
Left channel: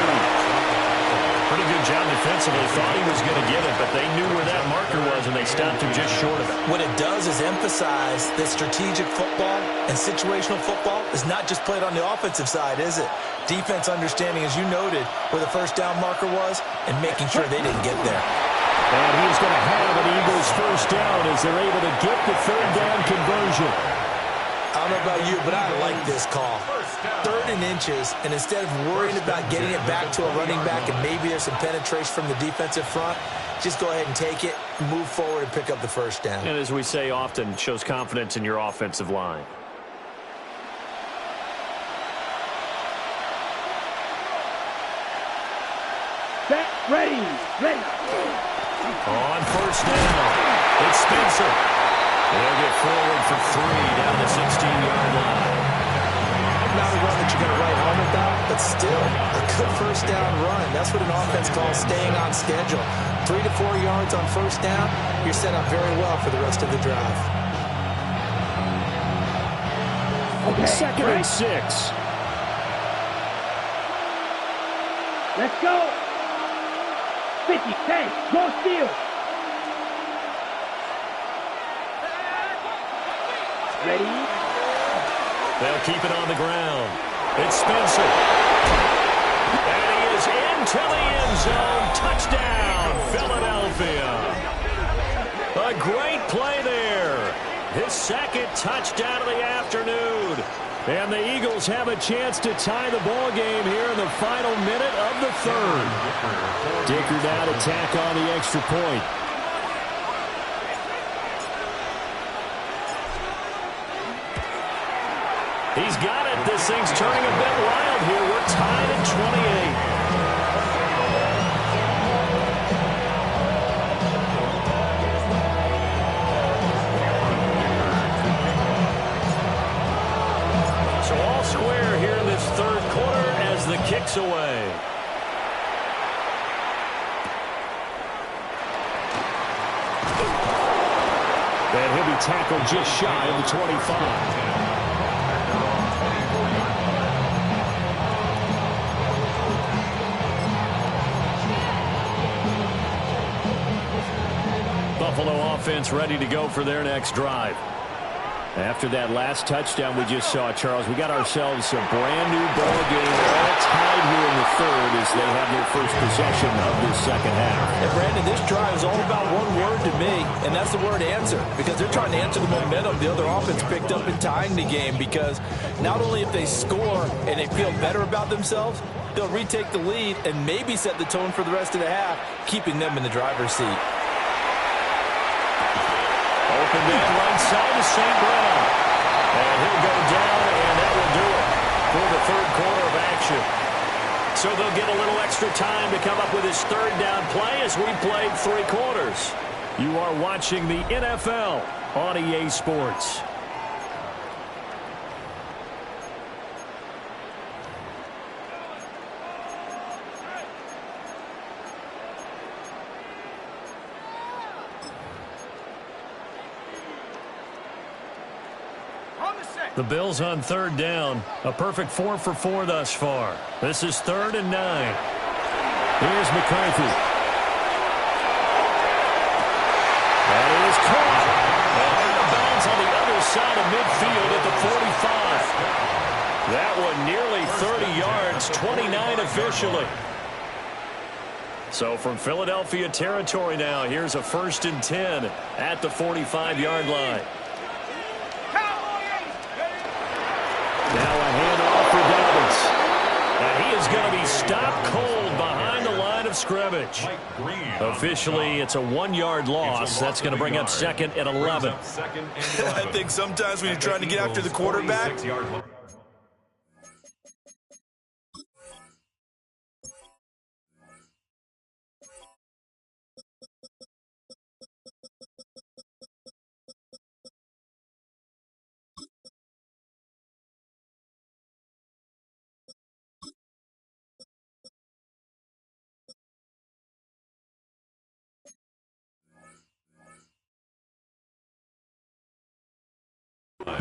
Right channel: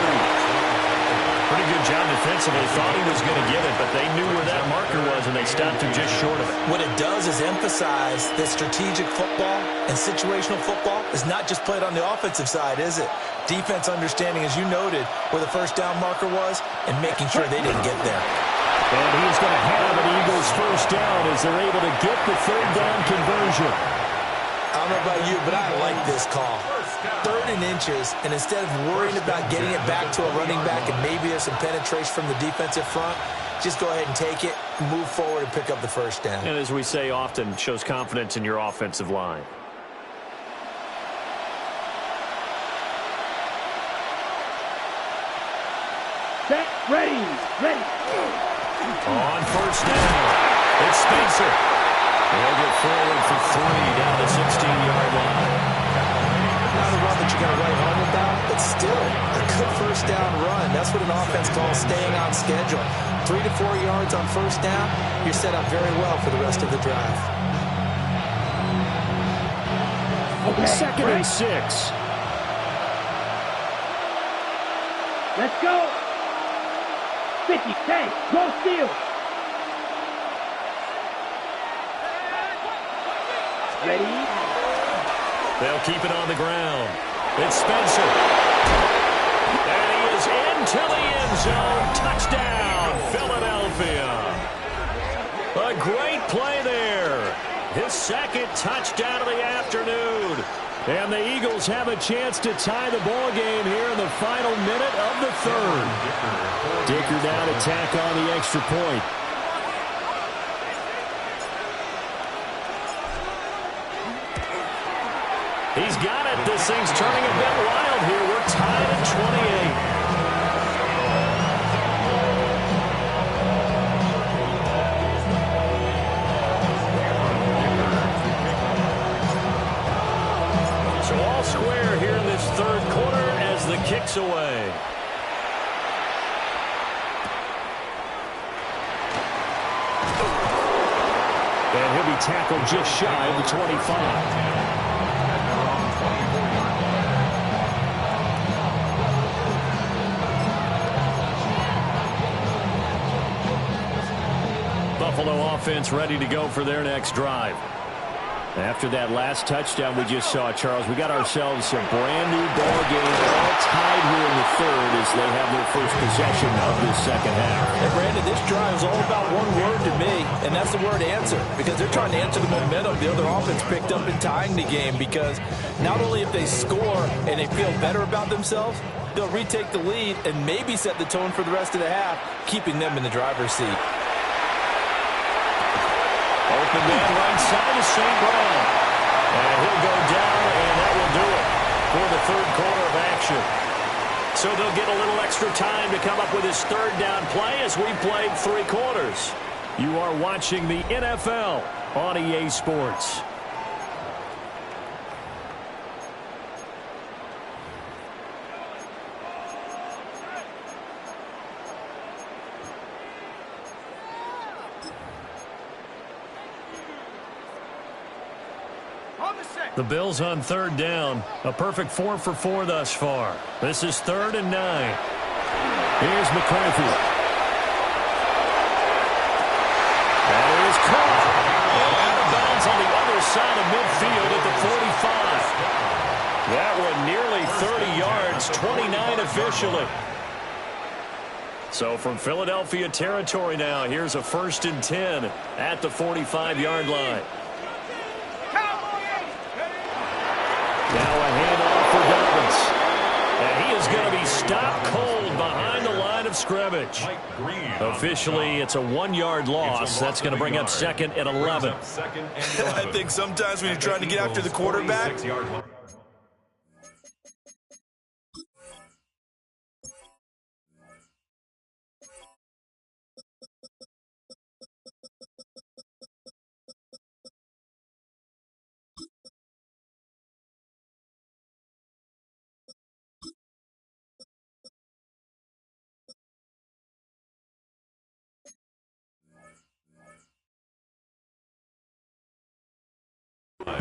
Pretty good job defensively. Thought he was going to get it, but they knew where that marker was, and they stopped him just short of it. What it does is emphasize that strategic football and situational football is not just played on the offensive side, is it? Defense understanding, as you noted, where the 1st down marker was and making sure they didn't get there. And he is going to have an Eagles 1st down as they're able to get the 3rd down conversion. I don't know about you, but I like this call. 3rd and inches, and instead of worrying about getting it back to a running back and maybe there's some penetration from the defensive front, just go ahead and take it, move forward, and pick up the 1st down. And as we say often, shows confidence in your offensive line. Set. Ready. Ready. On 1st down, it's Spencer. They'll get forward for 3 down the 16-yard line. Not a run that you're going to write home about, but still a good 1st down run. That's what an offense calls staying on schedule. 3 to 4 yards on 1st down, you're set up very well for the rest of the drive. Okay. 2nd and 6. Let's go. 50. Hey, go steal. Ready? They'll keep it on the ground. It's Spencer. And he is into the end zone. Touchdown, Philadelphia. A great play there. His 2nd touchdown of the afternoon. And the Eagles have a chance to tie the ball game here in the final minute of the 3rd. Dicker now to tack on the extra point. He's got it. This thing's turning a bit wild here. We're tied at 28. So all square here in this 3rd quarter as the kick's away. And he'll be tackled just shy of the 25. Buffalo offense ready to go for their next drive. After that last touchdown we just saw, Charles, we got ourselves a brand new ball game, all tied here in the 3rd as they have their first possession of this 2nd half. And Brandon, this drive is all about one word to me, and that's the word answer, because they're trying to answer the momentum the other offense picked up in tying the game, because not only if they score and they feel better about themselves, they'll retake the lead and maybe set the tone for the rest of the half, keeping them in the driver's seat. Open man right side is St. Brown. And he'll go down, and that will do it for the third quarter of action. So they'll get a little extra time to come up with his third down play as we played 3 quarters. You are watching the NFL on EA Sports. The Bills on third down. A perfect 4 for 4 thus far. This is 3rd and 9. Here's McCarthy. That is caught. And out of bounds on the other side of midfield at the 45. That one nearly 30 yards, 29 officially. So from Philadelphia territory now, here's a 1st and 10 at the 45-yard line. Now a handoff for Dobbins. And he is going to be stopped cold behind the line of scrimmage. Officially, it's a 1-yard loss. That's going to bring up 2nd and 11. I think sometimes when you're trying to get after the quarterback,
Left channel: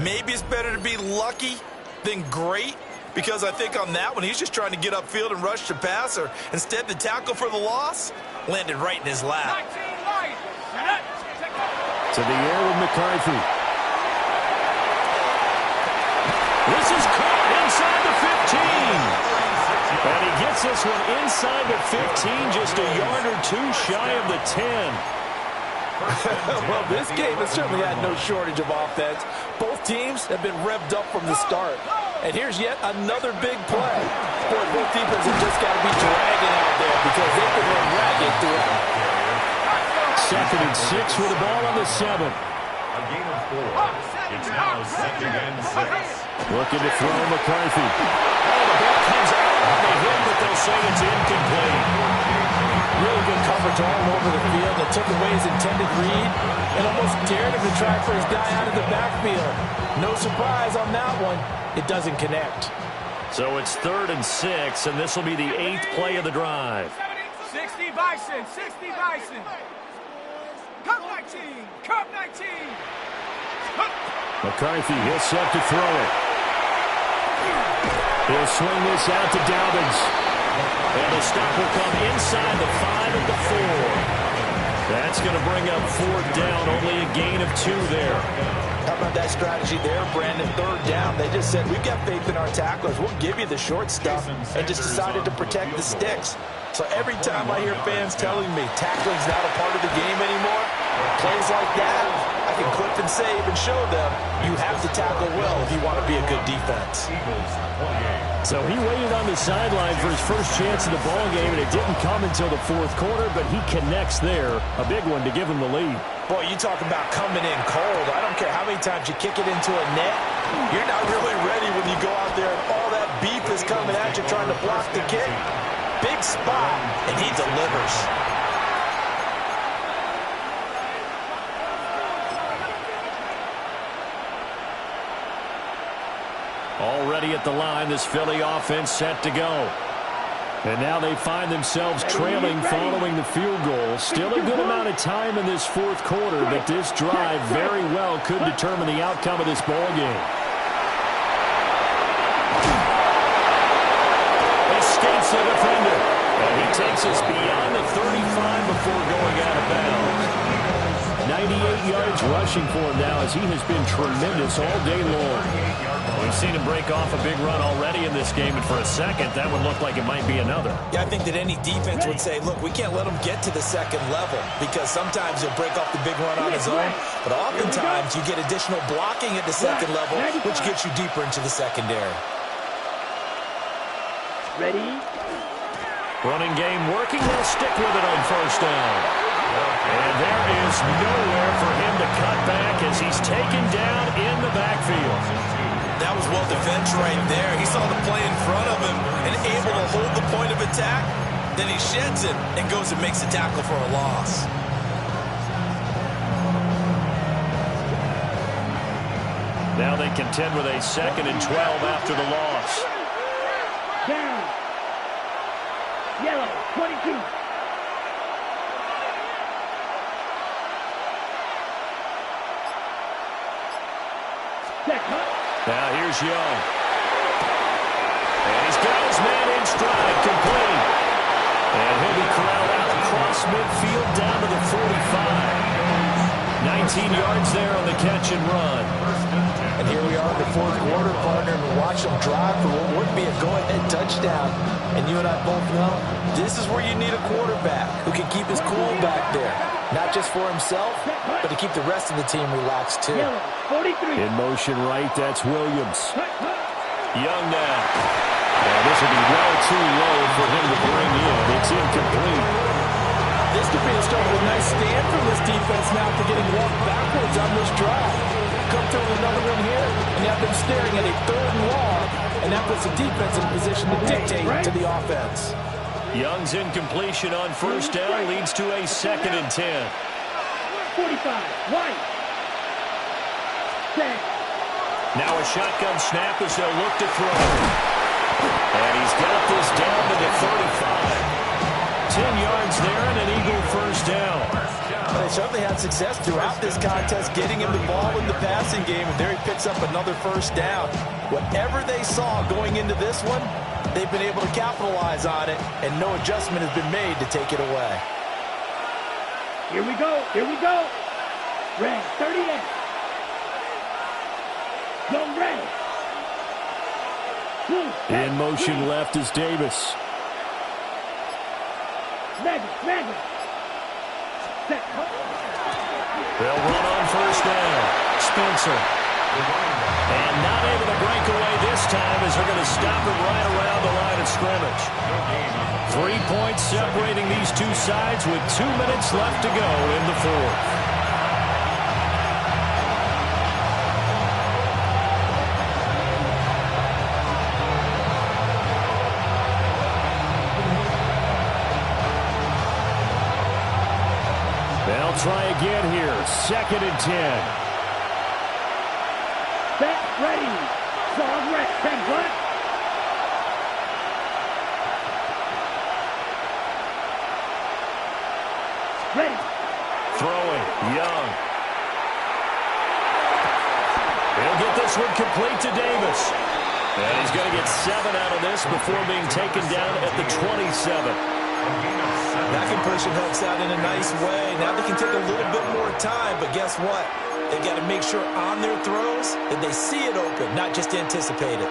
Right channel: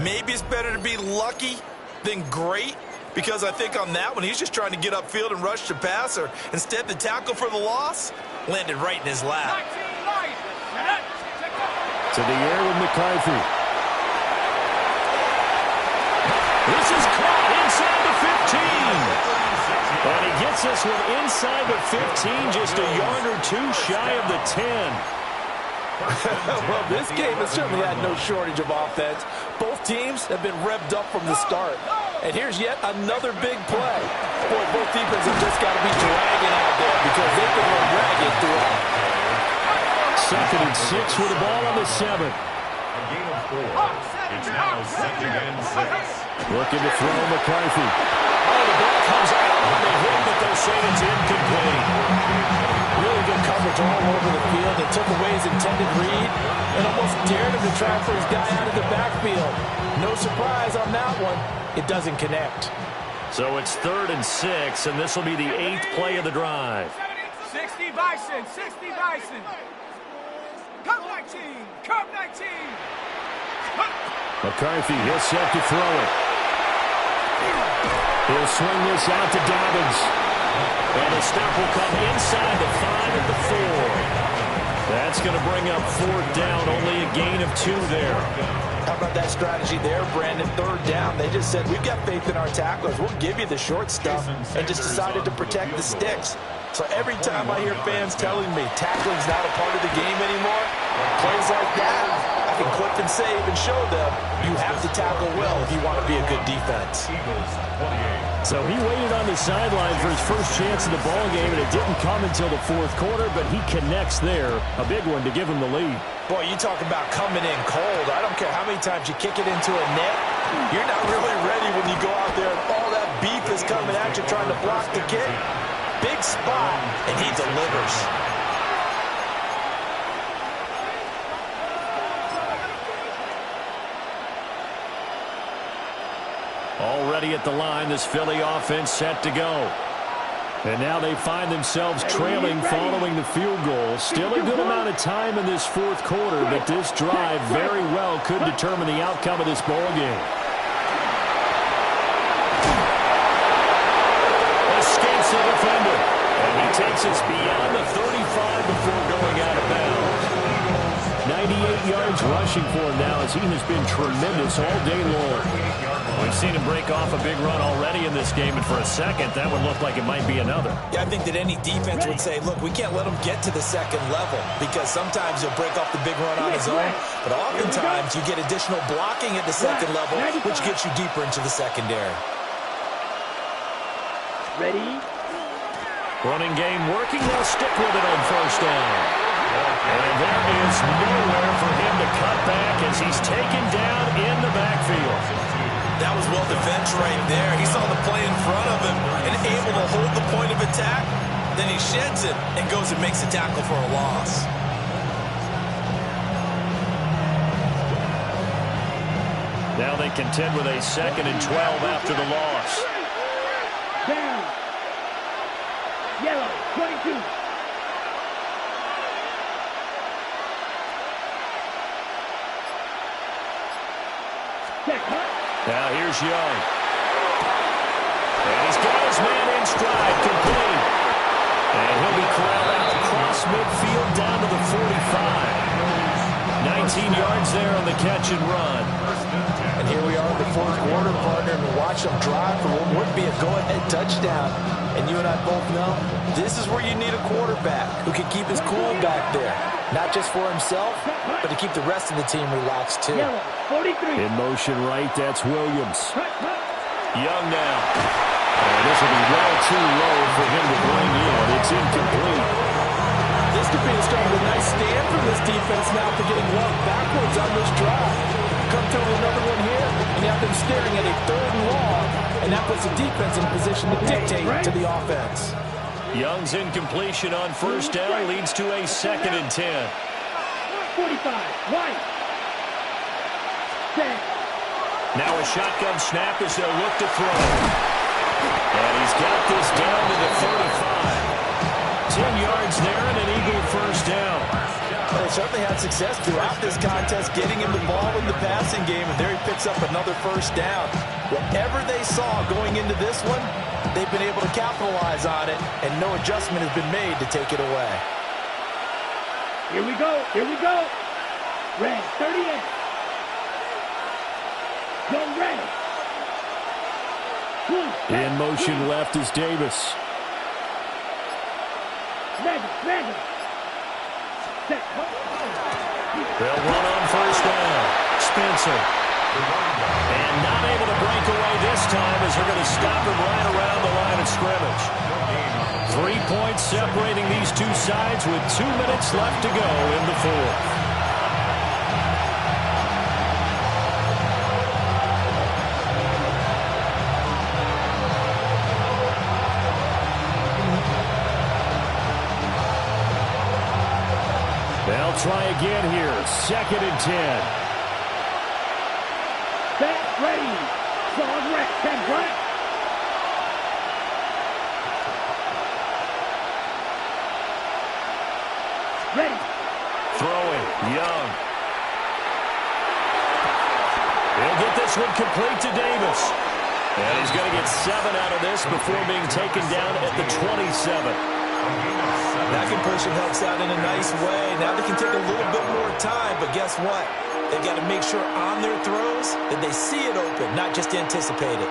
maybe it's better to be lucky than great, because I think on that one, he's just trying to get upfield and rush the passer. Instead, the tackle for the loss landed right in his lap. To the air with McCarthy. This is caught inside the 15. And he gets this one inside the 15, just a yard or 2 shy of the 10. Well, this game has certainly had no shortage of offense. Both teams have been revved up from the start. And here's yet another big play. Boy, both defenses have just got to be dragging out there because they can run ragged throughout. 2nd and 6 with the ball on the 7. A gain of 4. It's now 2nd and 6. Looking to throw McCarthy. Oh, the ball comes out on the hit, but they'll say it's incomplete. Really good coverage all over the field. It took away his intended read and almost dared him to try for his guy out of the backfield. No surprise on that one. It doesn't connect. So it's 3rd and 6, and this will be the 8th play of the drive. 60 Bison, 60 Bison. Cup 19, Cup 19. McCarthy, he'll set to throw it. He'll swing this out to Dobbins. And the stop will come inside the 5 at the 4. That's going to bring up 4th down, only a gain of 2 there. How about that strategy there, Brandon? 3rd down. They just said, we've got faith in our tacklers. We'll give you the short stuff, and just decided to protect the sticks. So every time I hear fans telling me tackling's not a part of the game anymore, plays like that, I can clip and save and show them you have to tackle well if you want to be a good defense. So he waited on the sideline for his first chance in the ball game, and it didn't come until the 4th quarter, but he connects there. A big one to give him the lead. Boy, you talk about coming in cold. I don't care how many times you kick it into a net. You're not really ready when you go out there and all that beef is coming at you trying to block the kick. Big spot, and he delivers. Already at the line, this Philly offense set to go. And now they find themselves trailing following the field goal. Still a good amount of time in this 4th quarter, but this drive very well could determine the outcome of this ball game. Escapes the defender. And he takes us beyond the 35 before going out of bounds. 98 yards rushing for him now as he has been tremendous all day long. We've seen him break off a big run already in this game, and for a second, that would look like it might be another. Yeah, I think that any defense would say, look, we can't let him get to the 2nd level because sometimes he'll break off the big run on his own, but oftentimes you get additional blocking at the 2nd level, which gets you deeper into the secondary. Ready, Running game working. They'll stick with it on first down. And there is nowhere for him to cut back as he's taken down in the backfield. That was well defense right there. He saw the play in front of him and able to hold the point of attack. Then he sheds it and goes and makes a tackle for a loss. Now they contend with a 2nd and 12 after the loss. Down. Yellow, 22. Check, hut. Now here's Young. And he's got his man in stride, complete. And he'll be corralled out across midfield down to the 45. 19 yards there on the catch and run. And here we are in the fourth quarter, partner, and watch them drive for what would be a go-ahead touchdown. And you and I both know this is where you need a quarterback who can keep his cool back there. Not just for himself, but to keep the rest of the team relaxed, too. Yellow, 43. In motion right, that's Williams. Young now. And this will be well too low for him to bring in. It's incomplete. This could be the start of a nice stand from this defense now after getting walked backwards on this drive. Come through with another one here, and you have them staring at a 3rd and long, and that puts the defense in a position to dictate to the offense. Young's incompletion on first down leads to a 2nd and 10. 45, White. Set. Now a shotgun snap as they'll look to throw. And he's got this down to the 35. 10 yards there and an Eagle first down. Well, they certainly had success throughout this contest getting him the ball in the passing game, and there he picks up another first down. Whatever they saw going into this one, they've been able to capitalize on it, and no adjustment has been made to take it away. Here we go. Here we go. Red, 38. Go red. Blue, In motion left is Davis. Mega. Set. They'll run on first down. Spencer. And not able to break away this time as they're going to stop him right around the line of scrimmage. 3 points separating these two sides with 2 minutes left to go in the fourth. They'll try again here. 2nd and 10. Set, ready. Song Rex, 10 front. Ready. Throwing. Young. He'll get this one complete to Davis. And he's going to get 7 out of this before being taken down at the 27. That conversion helps out in a nice way. Now they can take a little bit more time, but guess what? They've got to make sure on their throws that they see it open, not just anticipate it.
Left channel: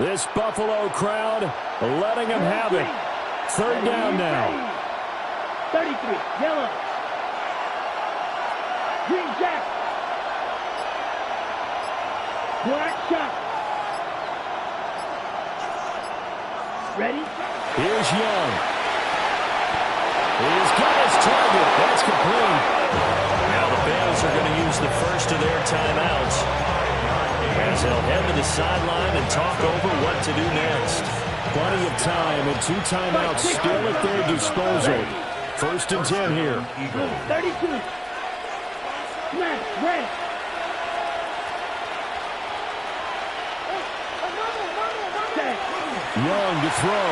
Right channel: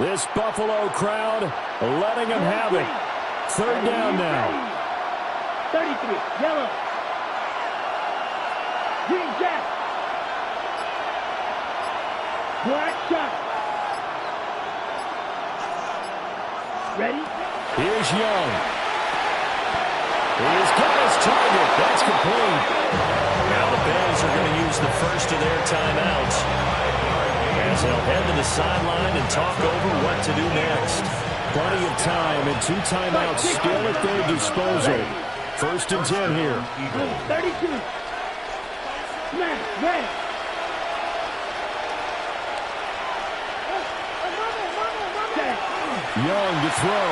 This Buffalo crowd letting them have it. 3rd down now. 33, yellow. Green Jack. Black shot. Ready? Here's Young. He's got his target. That's complete. Now the Bills are going to use the first of their timeouts as they'll head to the sideline and talk over what to do next. Plenty of time and 2 timeouts still at their disposal. 1st and 10 here. 32. Smash, red. Young to throw.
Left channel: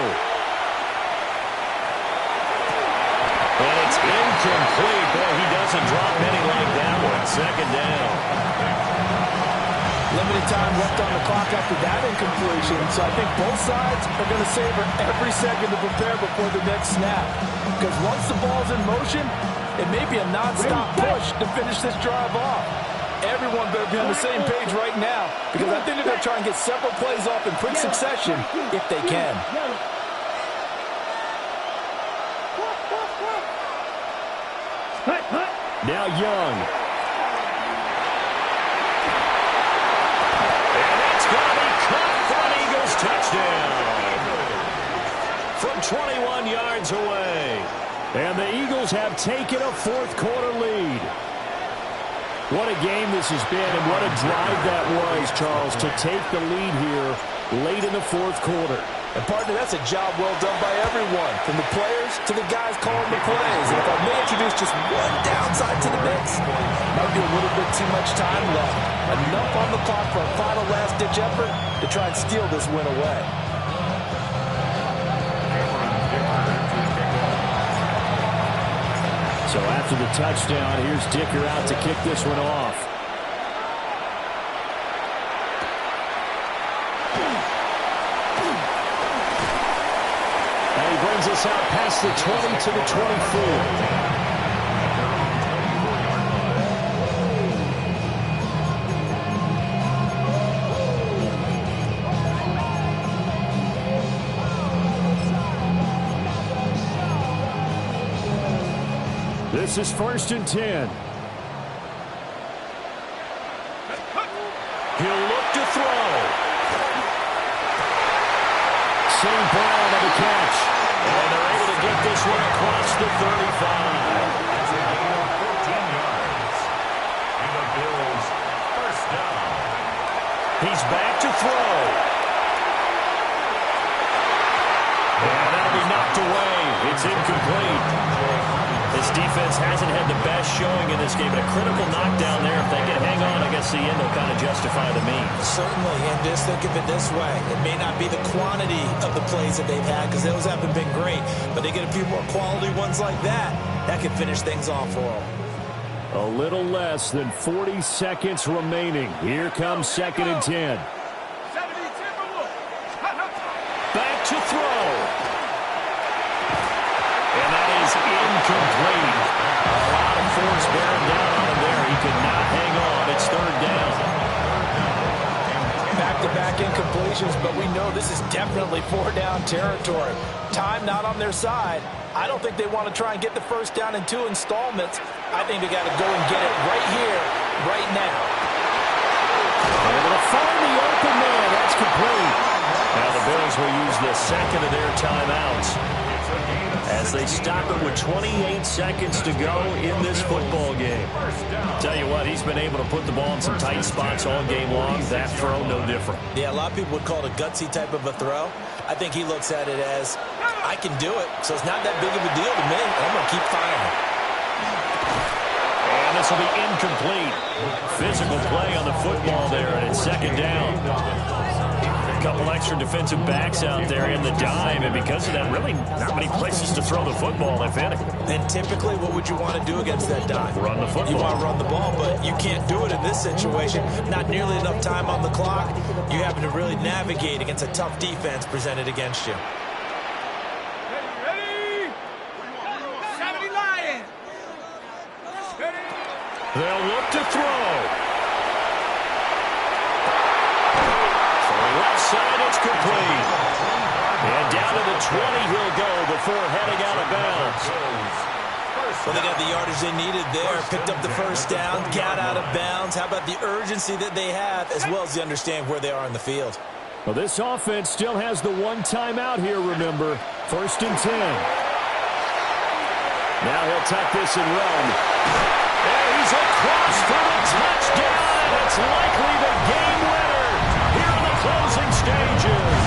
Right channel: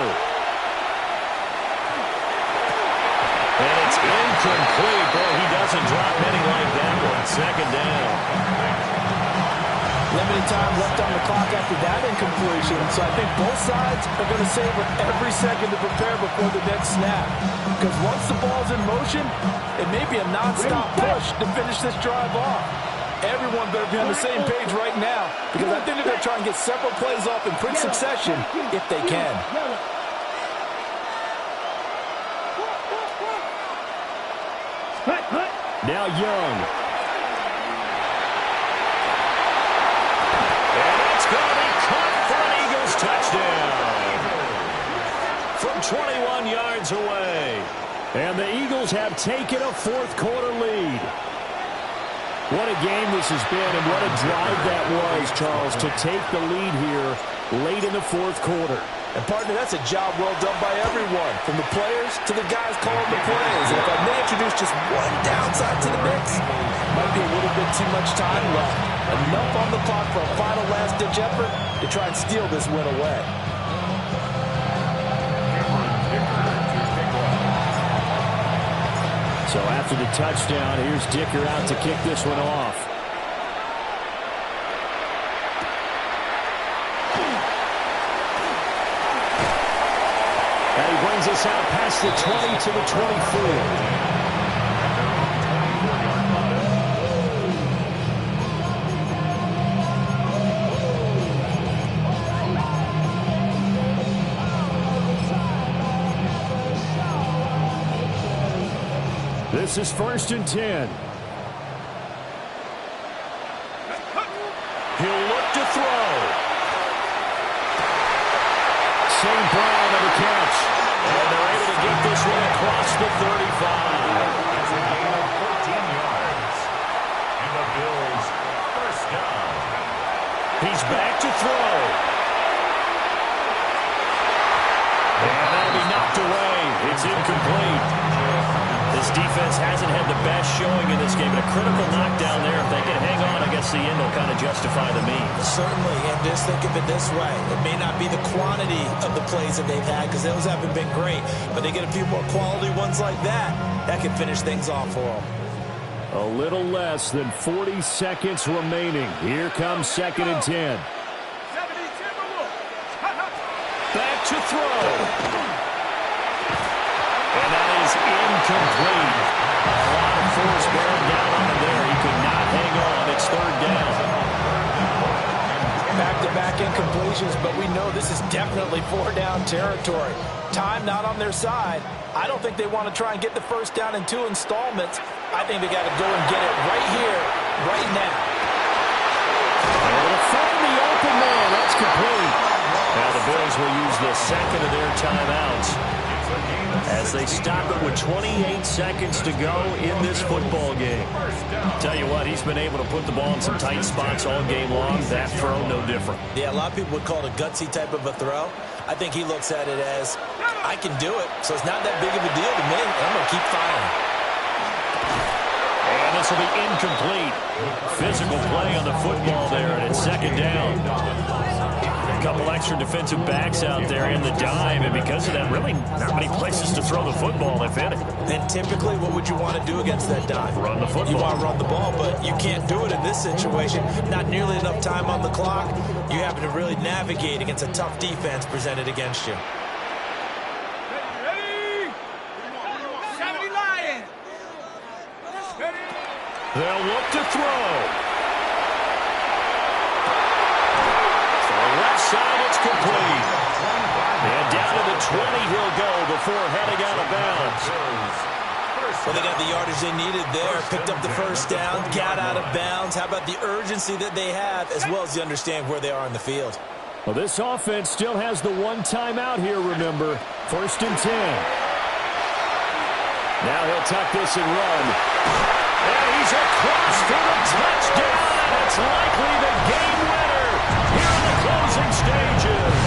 And it's incomplete. Boy, he doesn't drop many like that one. 2nd down. Limited time left on the clock after that incompletion, so I think both sides are going to savor every second to prepare before the next snap. Because once the ball's in motion, it may be a nonstop push to finish this drive off. Everyone better be on the same page right now, because I think they're going to try and get several plays off in quick succession if they can. Now Young. And that's going to touchdown from 21 yards away. And the Eagles have taken a fourth-quarter lead. What a game this has been, and what a drive that was, Charles, to take the lead here late in the fourth quarter. And, partner, that's a job well done by everyone, from the players to the guys calling the plays. And if I may introduce just one downside to the mix, might be a little bit too much time left. Enough on the clock for a final last-ditch effort to try and steal this win away. So after the touchdown, here's Dicker out to kick this one off. And he brings us out past the 20 to the 24. This is 1st and 10. He'll look to throw. St. Brown on the catch. And they're able to get this one across the 35. That's a gain of 14 yards. And the Bills first down. He's back to throw. And that'll be knocked away. It's incomplete. This defense hasn't had the best showing in this game, but a critical knockdown there. If they can hang on, I guess the end will kind of justify the means. Certainly, and just think of it this way. It may not be the quantity of the plays that they've had, because those haven't been great, but they get a few more quality ones like that. That could finish things off for them. A little less than 40 seconds remaining. Here comes 2nd and 10. Back to throw. And that is incomplete. A lot of force bearing down on him there. He could not hang on. It's 3rd down. Back-to-back incompletions, but we know this is definitely 4-down territory. Time not on their side. I don't think they want to try and get the first down in 2 installments. I think they got to go and get it right here, right now. Able to find the open man. That's complete. Now the Bills will use the second of their timeouts as they stop it with 28 seconds to go in this football game. Tell you what, he's been able to put the ball in some tight spots all game long. That throw, no different. Yeah, a lot of people would call it a gutsy type of a throw. I think he looks at it as, I can do it, so it's not that big of a deal to me, and I'm going to keep firing. And this will be incomplete. Physical play on the football there, and it's 2nd down. A couple extra defensive backs out there in the dime, and because of that, really not many places to throw the football, if any. And typically, what would you want to do against that dime? Run the football. You want to run the ball, but you can't do it in this situation. Not nearly enough time on the clock. You having to really navigate against a tough defense presented against you. Ready? 70 Lions. They'll look to throw. Left side, it's complete. And down to the 20 he'll go before heading out of bounds. Well, they got the yardage they needed there, picked up the first down, got out of bounds. How about the urgency that they have, as well as the understand where they are in the field? Well, this offense still has the one timeout here, remember. 1st and 10. Now he'll tuck this and run. And he's across for the touchdown, and it's likely the game winner here in the closing stages.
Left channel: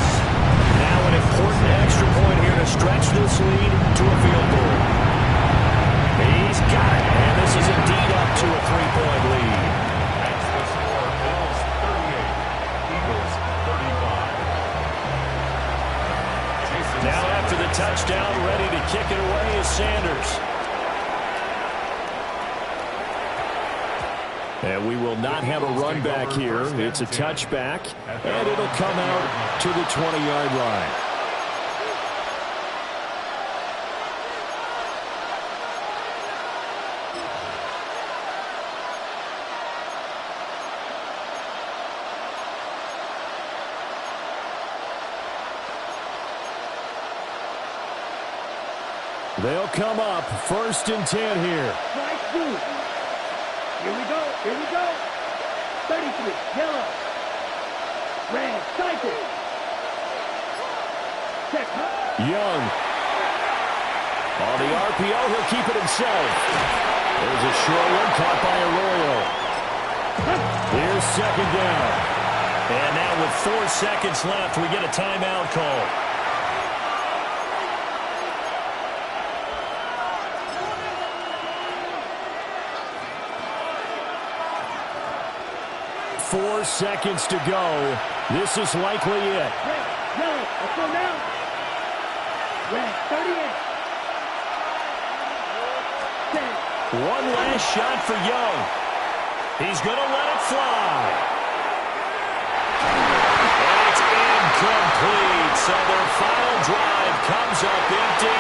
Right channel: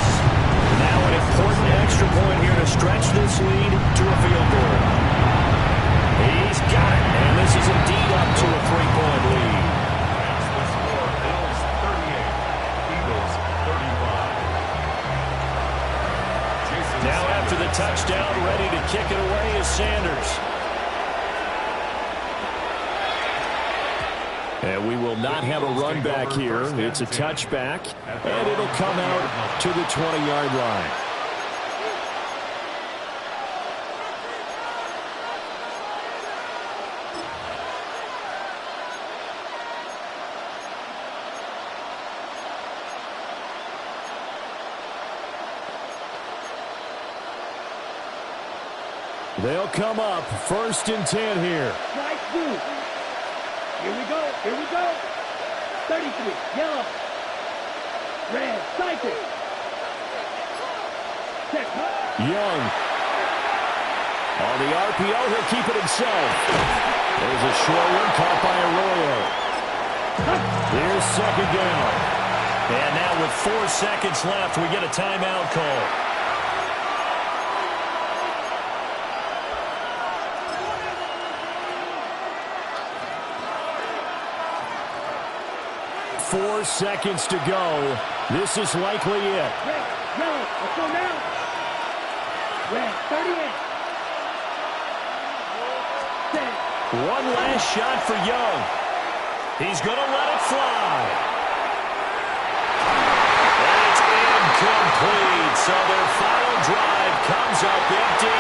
Now an important extra point here to stretch this lead to a field goal. He's got it, and this is indeed up to a 3-point lead. That's the score. Bills 38, Eagles 35. Now after the touchdown, ready to kick it away is Sanders. And we will not have a run back here. It's a touchback, and it'll come out to the 20-yard line. They'll come up 1st and 10 here. Strike 2. Here we go. Here we go. 33. Yellow. Red. Cycle. Set, huh? Young. On the RPO, he'll keep it himself. There's a short one caught by Arroyo. Here's second down. And now with 4 seconds left, we get a timeout call. Four seconds to go. This is likely it. Red, yellow, let's go now. Red, 38. Set. One last shot for Young. He's going to let it fly. And it's incomplete. So their final drive comes up empty.